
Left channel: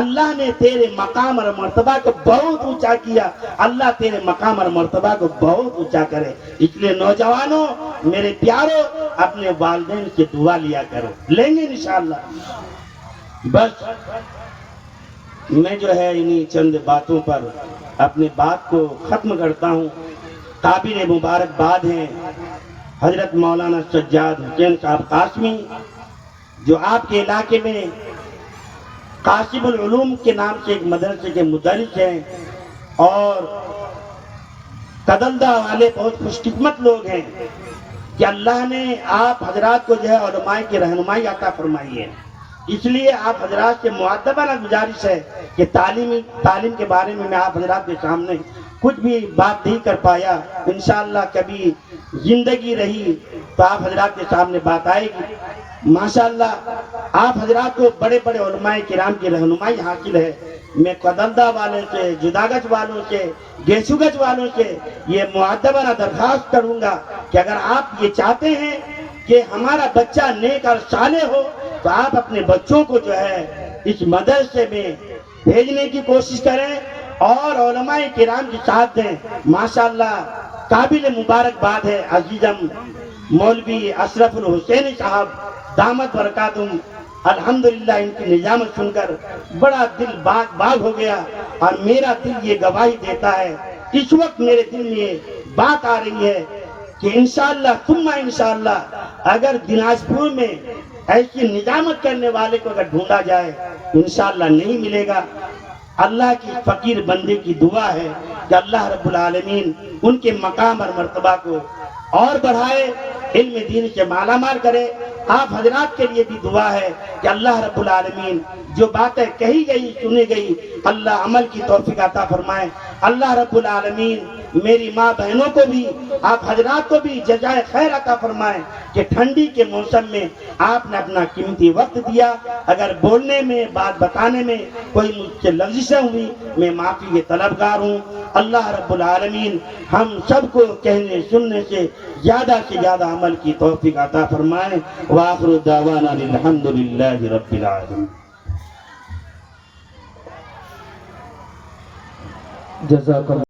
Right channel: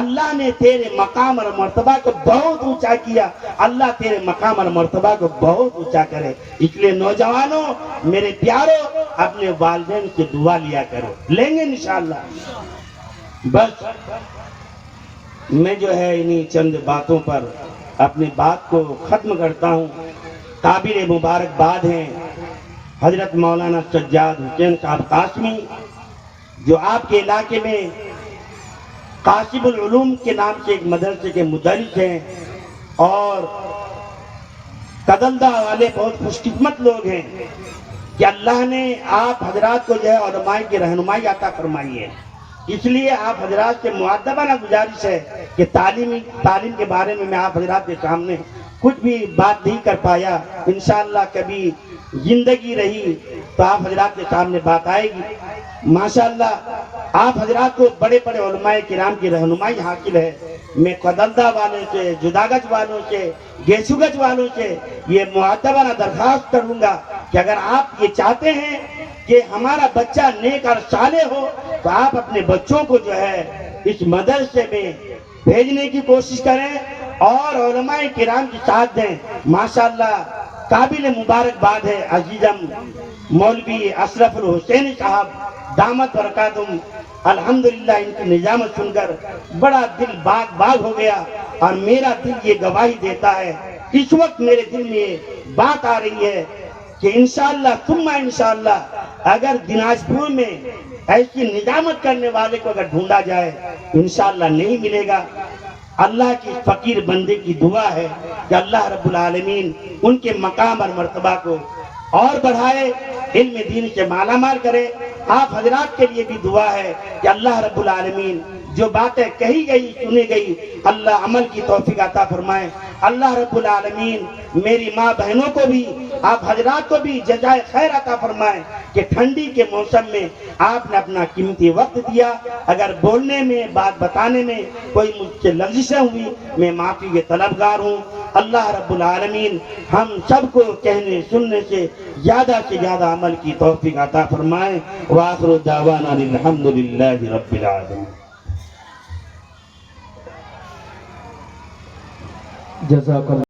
اللہ نے تیرے مقام اور مرتبہ کو بہت اونچا کیا, اللہ تیرے مقام اور مرتبہ کو بہت اونچا کرے. اس لیے نوجوانوں, میرے پیاروں, اپنے والدین سے دعا لیا کرو, لیں گے انشاءاللہ. بس میں جو ہے انہی چند باتوں پر اپنی بات کو ختم کرتا ہوں. قابل مبارکباد ہیں حضرت مولانا سجاد حسین صاحب قاسمی, جو آپ کے علاقے میں قاسم العلوم کے نام سے ایک مدرسے کے مدرس ہیں, اور قدلدہ والے بہت خوش قسمت لوگ ہیں کہ اللہ نے آپ حضرات کو جو ہے علماء کی رہنمائی عطا فرمائی ہے. اس لیے آپ حضرات سے مؤدبانہ گزارش ہے کہ تعلیم کے بارے میں آپ حضرات کے سامنے کچھ بھی بات نہیں کر پایا. انشاءاللہ کبھی زندگی رہی تو آپ حضرات کے سامنے بات آئے گی. ماشاءاللہ آپ حضرات کو بڑے بڑے علماء کرام کی رہنمائی حاصل ہے. میں قدلدہ والوں سے, جداگچ والوں سے, گیسوگچ والوں سے یہ مؤدبانہ درخواست کروں گا کہ اگر آپ یہ چاہتے ہیں کہ ہمارا بچہ نیک اور صالح ہو تو آپ اپنے بچوں کو جو ہے اس مدرسے میں بھیجنے کی کوشش کریں اور علماء کرام کی ساتھ دیں. ماشاءاللہ قابل مبارکباد ہے عزیزم مولوی اشرف الحسینی صاحب دامت برکاتہم. الحمدللہ ان کی نظامت سن کر بڑا دل باغ ہو گیا, اور میرا دل یہ گواہی دیتا ہے, اس وقت میرے دل میں یہ بات آ رہی ہے کہ انشاءاللہ ثم انشاءاللہ اگر دناجپور میں ایسی نظامت کرنے والے کو اگر ڈھونڈا جائے انشاءاللہ نہیں ملے گا. اللہ کی فقیر بندے کی دعا ہے کہ اللہ رب العالمین ان کے مقام اور مرتبہ کو اور بڑھائے, علم دین سے مالا مال کرے. آپ حضرات کے لیے بھی دعا ہے کہ اللہ رب العالمین جو باتیں کہی گئی سنی گئی اللہ عمل کی توفیق عطا فرمائے. اللہ رب العالمین میری ماں بہنوں کو بھی, آپ حضرات کو بھی جزائے خیر عطا فرمائے کہ ٹھنڈی کے موسم میں آپ نے اپنا قیمتی وقت دیا. اگر بولنے میں, بات بتانے میں کوئی مجھ سے لغزشیں ہوئی, میں معافی کے طلبگار ہوں. اللہ رب العالمین ہم سب کو کہنے سننے سے زیادہ عمل کی توفیق عطا فرمائے. وآخر دعوانا الحمدللہ رب العالمین. جزاک اللہ.